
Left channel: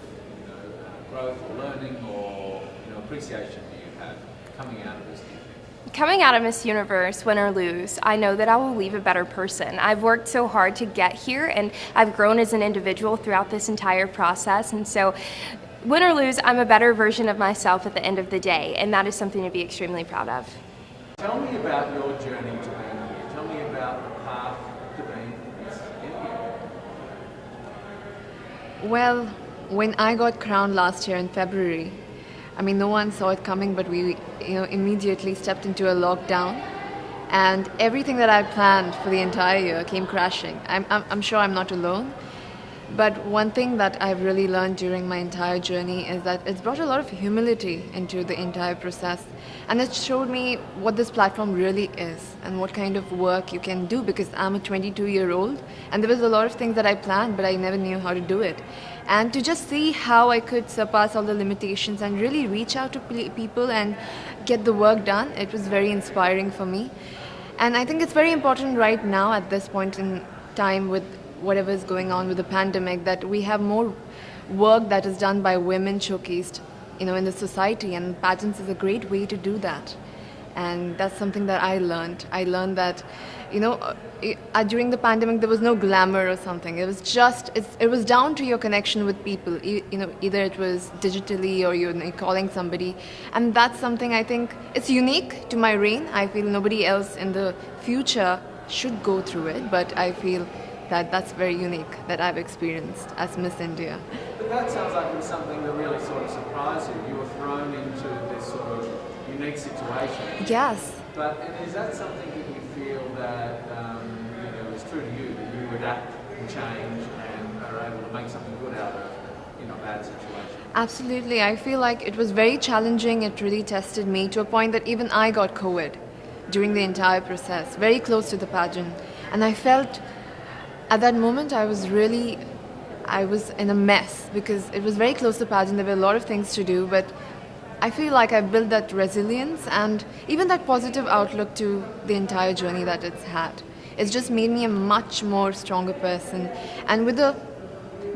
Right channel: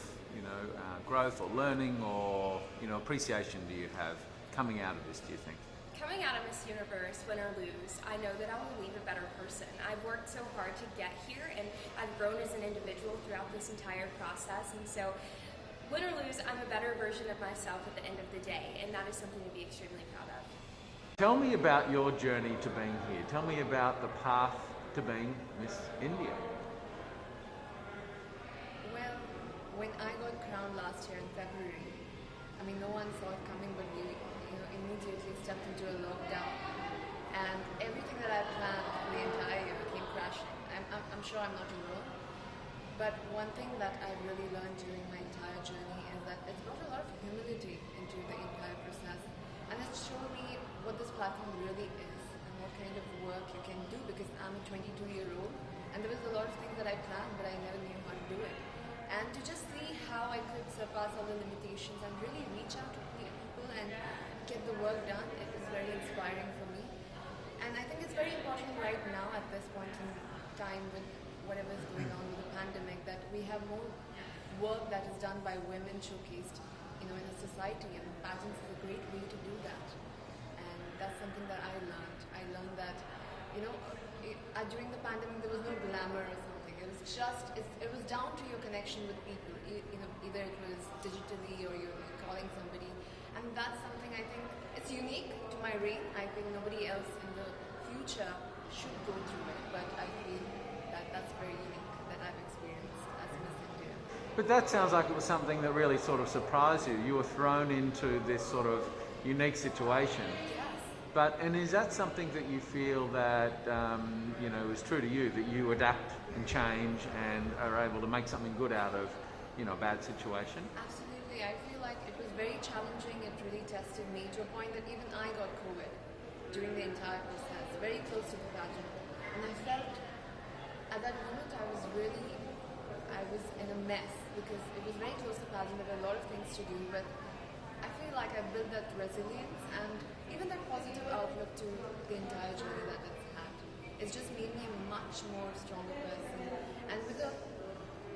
growth or learning or appreciation do you have coming out of this, do you think? Coming out of Miss Universe, win or lose, I know that I will leave a better person. I've worked so hard to get here, and I've grown as an individual throughout this entire process, and so win or lose, I'm a better version of myself at the end of the day, and that is something to be extremely proud of. Tell me about your journey to being here. Tell me about the path to being Miss India. Well, when I got crowned last year in February, no one saw it coming, but we immediately stepped into a lockdown, and everything that I planned for the entire year came crashing. I'm sure I'm not alone, but one thing that I've really learned during my entire journey is that it's brought a lot of humility into the entire process, and it showed me what this platform really is and what kind of work you can do, because I'm a 22-year-old, and there was a lot of things that I planned, but I never knew how to do it. And to just see how I could surpass all the limitations and really reach out to people and get the work done, it was very inspiring for me. And I think it's very important right now at this point in time with whatever is going on with the pandemic, that we have more work that is done by women showcased in the society, and pageants is a great way to do that. And that's something that I learned. I learned that, during the pandemic, there was no glamour or something. It was just, it was down to your connection with people. Either it was digitally or you're calling somebody. And that's something I think, it's unique to my reign. I feel nobody else in the future should go through it, but I feel that that's very unique that I've experienced as Miss India. But that sounds like it was something that really sort of surprised you. You were thrown into this sort of unique situation. Yes. And is that something that you feel that is true to you, that you adapt and change and are able to make something good out of a bad situation? Absolutely. I feel like it was very challenging. It really tested me to a point that even I got COVID during the entire process, very close to the pageant. And I felt at that moment I was in a mess because it was very close to the pageant. There were a lot of things to do, but I feel like I built that resilience and even that positive outlook to the entire journey that it's had. It's just made me a much more stronger person and with a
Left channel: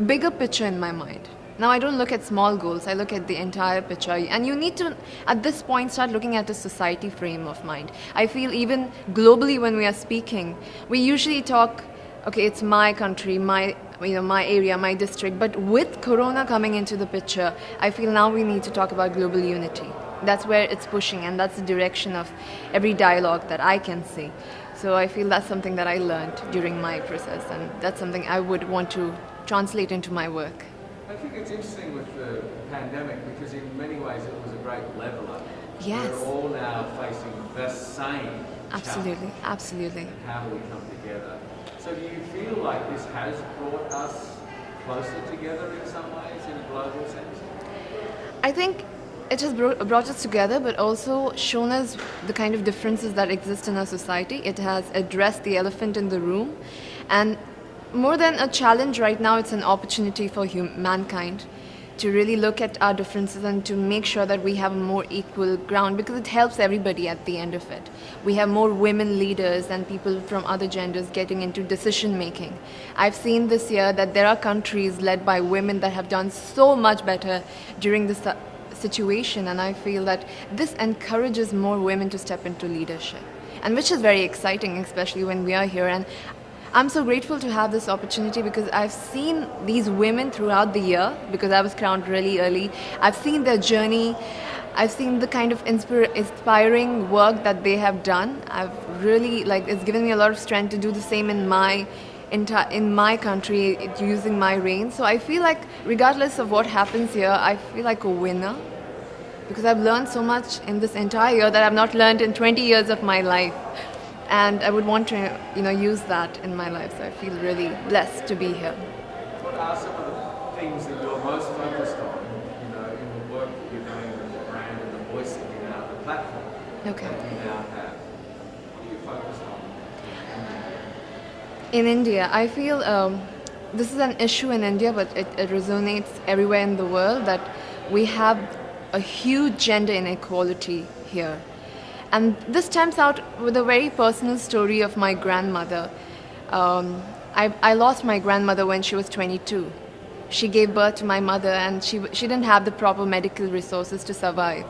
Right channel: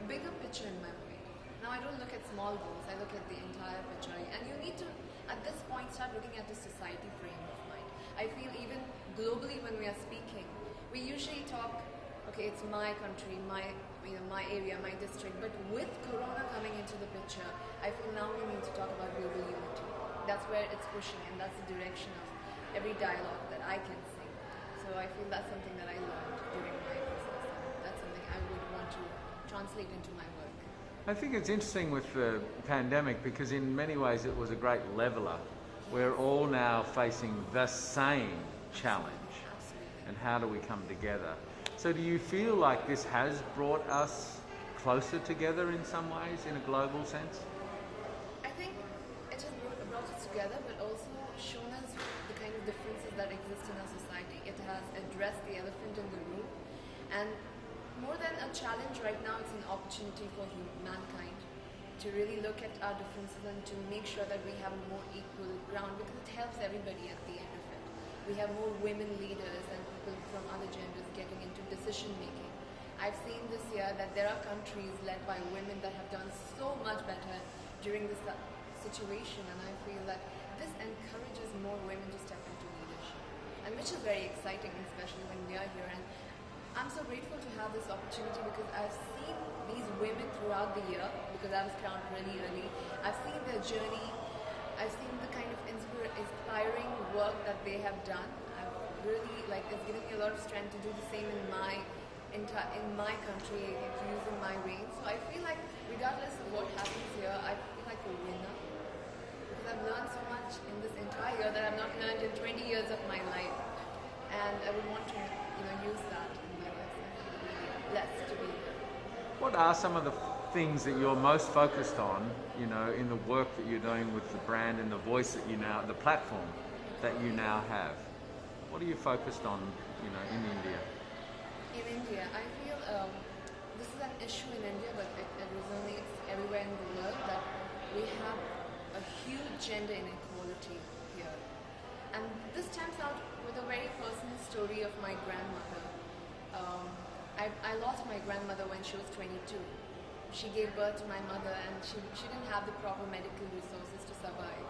bigger picture in my mind. Now I don't look at small goals, I look at the entire picture. And you need to, at this point, start looking at a society frame of mind. I feel even globally when we are speaking, we usually talk, okay, it's my country, my area, my district. But with Corona coming into the picture, I feel now we need to talk about global unity. That's where it's pushing, and that's the direction of every dialogue that I can see. So I feel that's something that I learned during my process, and that's something I would want to translate into my work. I think it's interesting with the pandemic because in many ways it was a great leveler. Yes. We're all now facing the same Absolutely, challenge. absolutely. And how do we come together? So do you feel like this has brought us closer together in some ways, in a global sense? I think it has brought us together, but also shown us the kind of differences that exist in our society. It has addressed the elephant in the room. And more than a challenge right now, it's an opportunity for mankind to really look at our differences and to make sure that we have a more equal ground, because it helps everybody at the end of it. We have more women leaders and people from other genders getting into decision making. I've seen this year that there are countries led by women that have done so much better during this situation, and I feel that this encourages more women to step into leadership, and which is very exciting, especially when we are here. And I'm so grateful to have this opportunity because I've seen these women throughout the year, because I was crowned really early. I've seen their journey. I've seen the kind of inspiring work that they have done. I've really, it's given me a lot of strength to do the same in my country, using my reign. So I feel like regardless of what happens here, I feel like a winner because I've learned so much in this entire year that I've not learned in 20 years of my life. And I would want to, use that in my life. So I feel really blessed to be here. What are some of the things that you're most focused on, in the work that you're doing with the brand and the voice that you now, the platform that you now have? What are you focused on in India? I feel this is an issue in India, but it resonates everywhere in the world, that we have a huge gender inequality here. And this stems out with a very personal story of my grandmother. I lost my grandmother when she was 22. She gave birth to my mother, and she didn't have the proper medical resources to survive.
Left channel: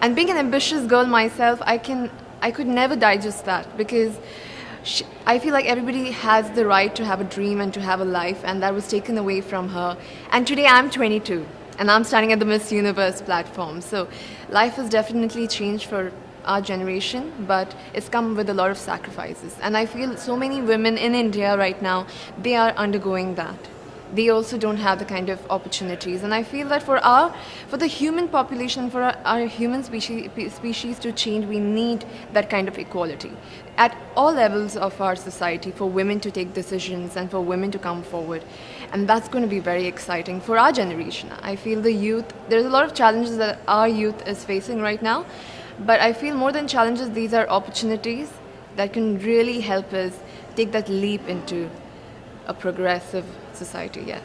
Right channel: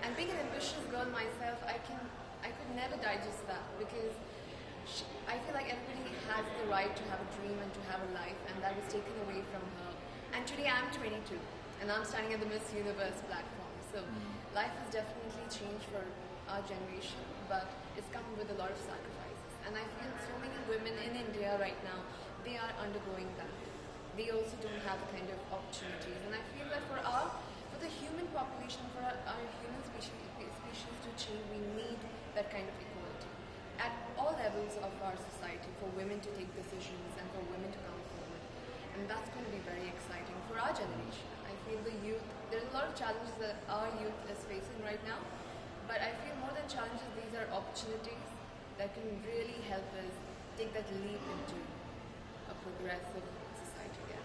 And being an ambitious girl myself, I could never digest that, because I feel like everybody has the right to have a dream and to have a life, and that was taken away from her. And today I'm 22, and I'm standing at the Miss Universe platform. So life has definitely changed for our generation, but it's come with a lot of sacrifices. And I feel so many women in India right now, they are undergoing that. They also don't have the kind of opportunities. And I feel that for the human population, for our human species to change, we need that kind of equality at all levels of our society, for women to take decisions and for women to come forward. And that's going to be very exciting for our generation. I feel the youth, there's a lot of challenges that our youth is facing right now. But I feel more than challenges, these are opportunities that can really help us take that leap into a progressive society, yes.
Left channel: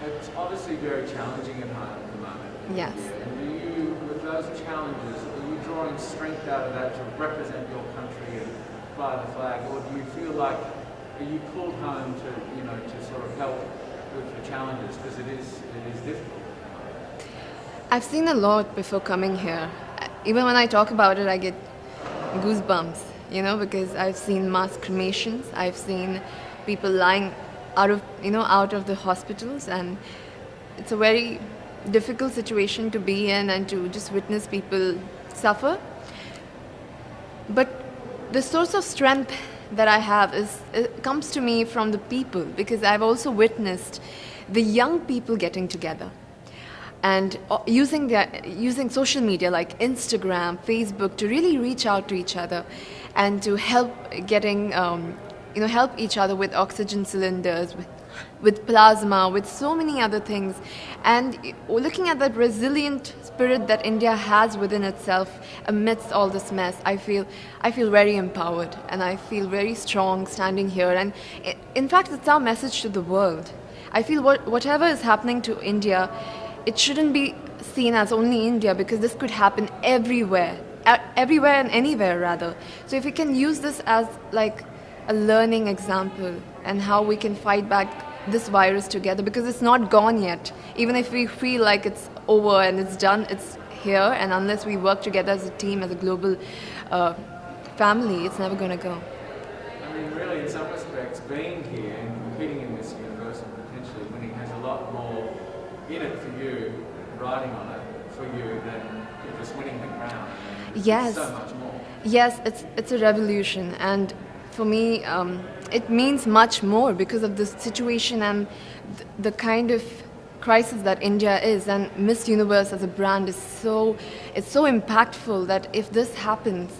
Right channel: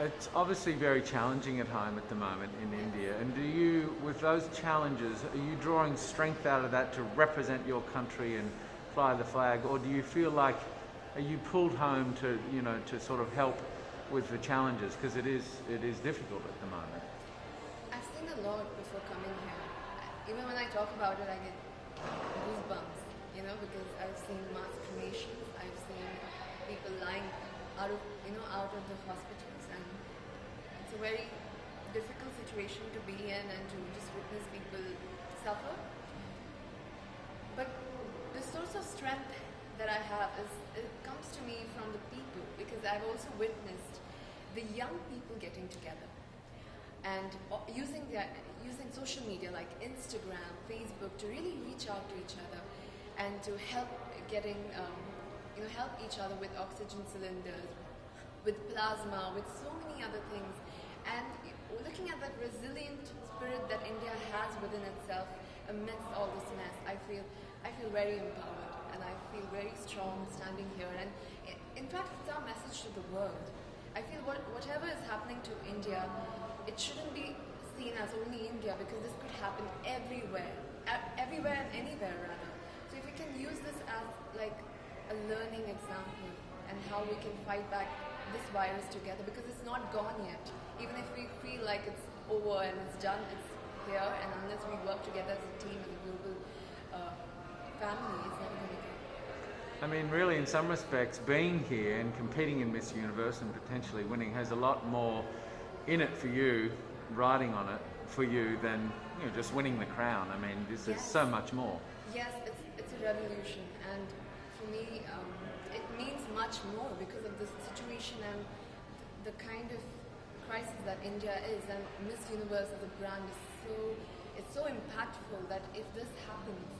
It's obviously very challenging at home at the moment in Yes. India. And do you, with those challenges, are you drawing strength out of that to represent your country and fly the flag? Or do you feel like, are you pulled home to, to sort of help with the challenges? Because it is difficult at the moment. I've seen a lot before coming here. even when I talk about it, I get goosebumps, because I've seen mass cremations, I've seen people lying out of the hospitals, and it's a very difficult situation to be in and to just witness people suffer. But the source of strength that I have it comes to me from the people, because I've also witnessed the young people getting together and using social media like Instagram, Facebook to really reach out to each other and to help help each other with oxygen cylinders, with plasma, with so many other things. And looking at that resilient spirit that India has within itself amidst all this mess, I feel very empowered and I feel very strong standing here. And in fact, it's our message to the world. I feel whatever is happening to India, it shouldn't be seen as only India, because this could happen everywhere and anywhere rather. So if we can use this as like a learning example and how we can fight back this virus together, because it's not gone yet. Even if we feel like it's over and it's done, it's here, and unless we work together as a team, as a global family, it's never going to go. I mean, really, in some respects, being here and competing in Miss Universe and potentially winning has a lot more in it for you, riding on it for you, than just winning the crown. I mean, yes. So much more. Yes, it's a revolution, and for me, it means much more because of the situation and the kind of crisis that India is. And Miss Universe as a brand is so impactful that if this happens,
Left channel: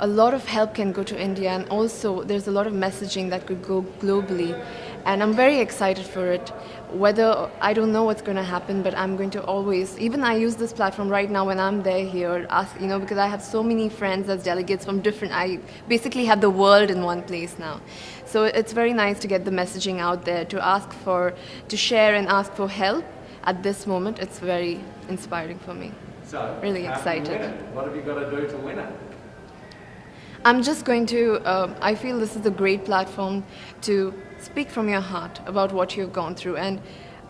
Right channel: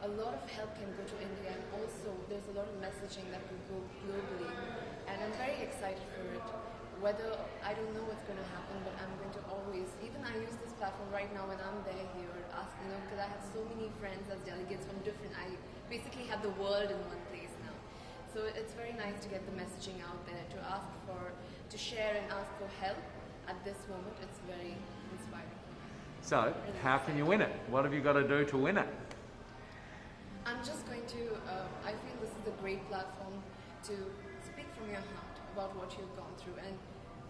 a lot of help can go to India, and also there's a lot of messaging that could go globally. And I'm very excited for it. Whether, I don't know what's going to happen, but I'm going to always, even I use this platform right now when I'm there here, because I have so many friends as delegates from I basically have the world in one place now. So it's very nice to get the messaging out there, to share and ask for help at this moment. It's very inspiring for me. So, really how excited. Can you win it? What have you got to do to win it? I'm just going to, I feel this is a great platform to speak from your heart about what you've gone through. And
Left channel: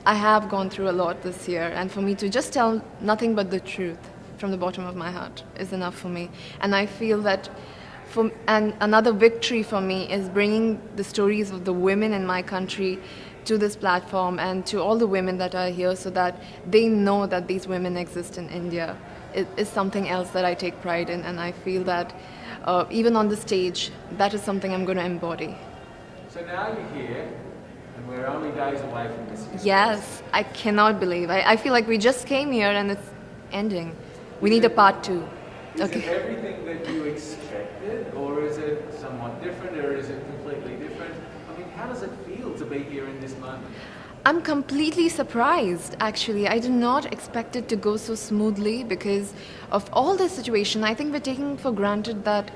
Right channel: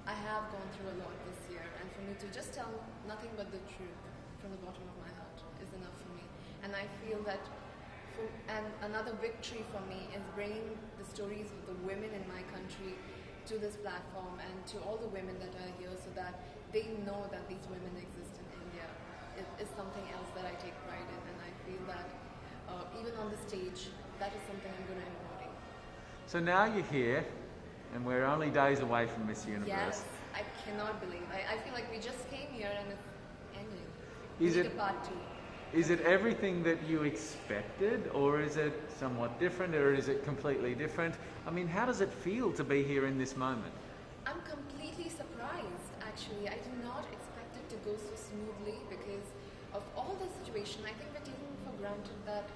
I have gone through a lot this year. And for me to just tell nothing but the truth from the bottom of my heart is enough for me. And I feel that another victory for me is bringing the stories of the women in my country to this platform and to all the women that are here, so that they know that these women exist in India. It is something else that I take pride in, and I feel that even on the stage, that is something I'm going to embody. So now you're here, and we're only days away from Miss Universe. Yes, I cannot believe. I feel like we just came here and it's ending. We need a part 2. Is it everything that you expected, or is it somewhat different, or is it completely different? I mean, how does it feel to be here in this moment? I'm completely surprised, actually. I did not expect it to go so smoothly because of all the situation. I think we're taking for granted that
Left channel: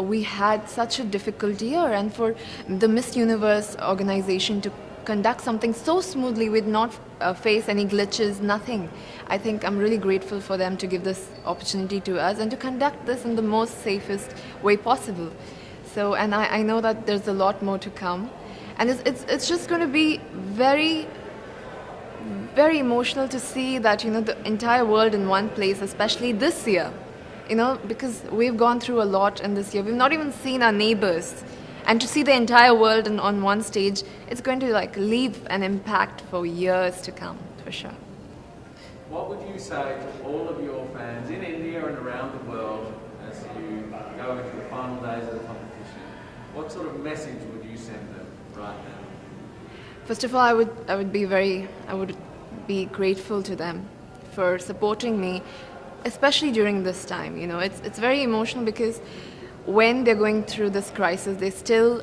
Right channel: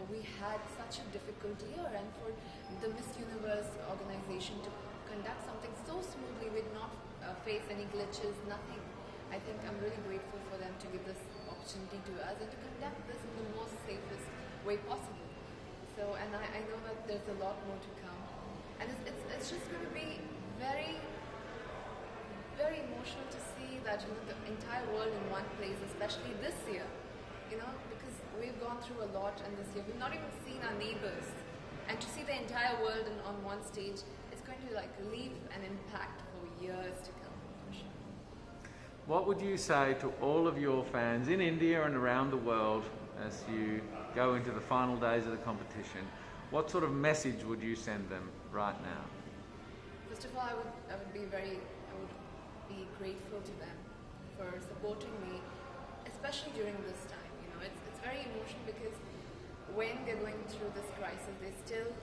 we had such a difficult year, and for the Miss Universe organization to conduct something so smoothly with not face any glitches, nothing. I think I'm really grateful for them to give this opportunity to us and to conduct this in the most safest way possible. So, and I know that there's a lot more to come. And it's just going to be very, very emotional to see that, the entire world in one place, especially this year, because we've gone through a lot in this year. We've not even seen our neighbors. And to see the entire world on one stage, it's going to leave an impact for years to come, for sure. What would you say to all of your fans in India and around the world as you go into the final days of the competition? What sort of message would you send them right now? First of all, I would be grateful to them for supporting me, especially during this time. It's very emotional because when they're going through this crisis, they still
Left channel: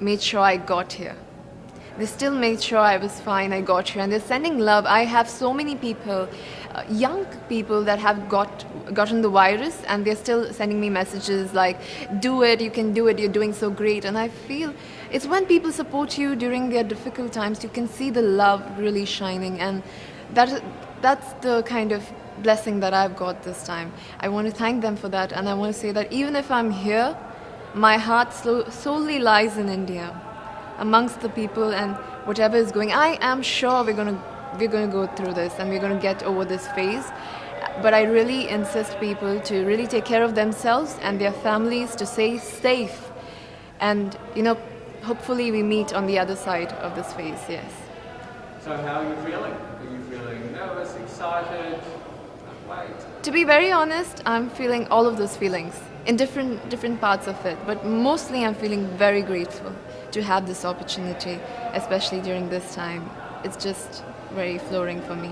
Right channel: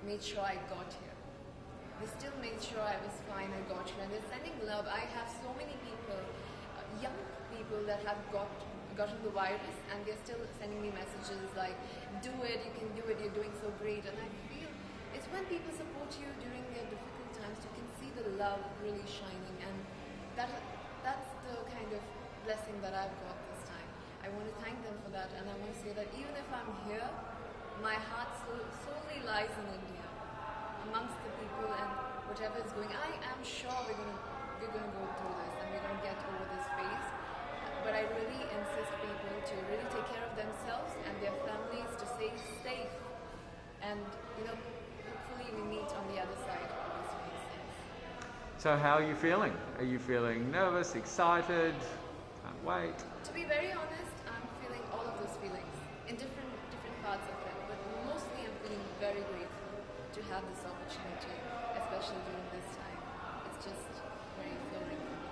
made sure I got here. They still made sure I was fine, I got here, and they're sending love. I have so many people, young people that have gotten the virus, and they're still sending me messages like, do it, you can do it, you're doing so great. And I feel it's when people support you during their difficult times, you can see the love really shining, and that's the kind of blessing that I've got this time. I want to thank them for that, and I want to say that even if I'm here, my heart solely lies in India, amongst the people, and whatever is going, I am sure we're going to go through this and we're going to get over this phase. but I really insist people to really take care of themselves and their families, to stay safe, and hopefully we meet on the other side of this phase. Yes. So how are you feeling? Are you feeling nervous, excited? Can't wait. To be very honest, I'm feeling all of those feelings in different parts of it, but mostly I'm feeling very grateful to have this opportunity, especially during this time. It's just very flooring for me.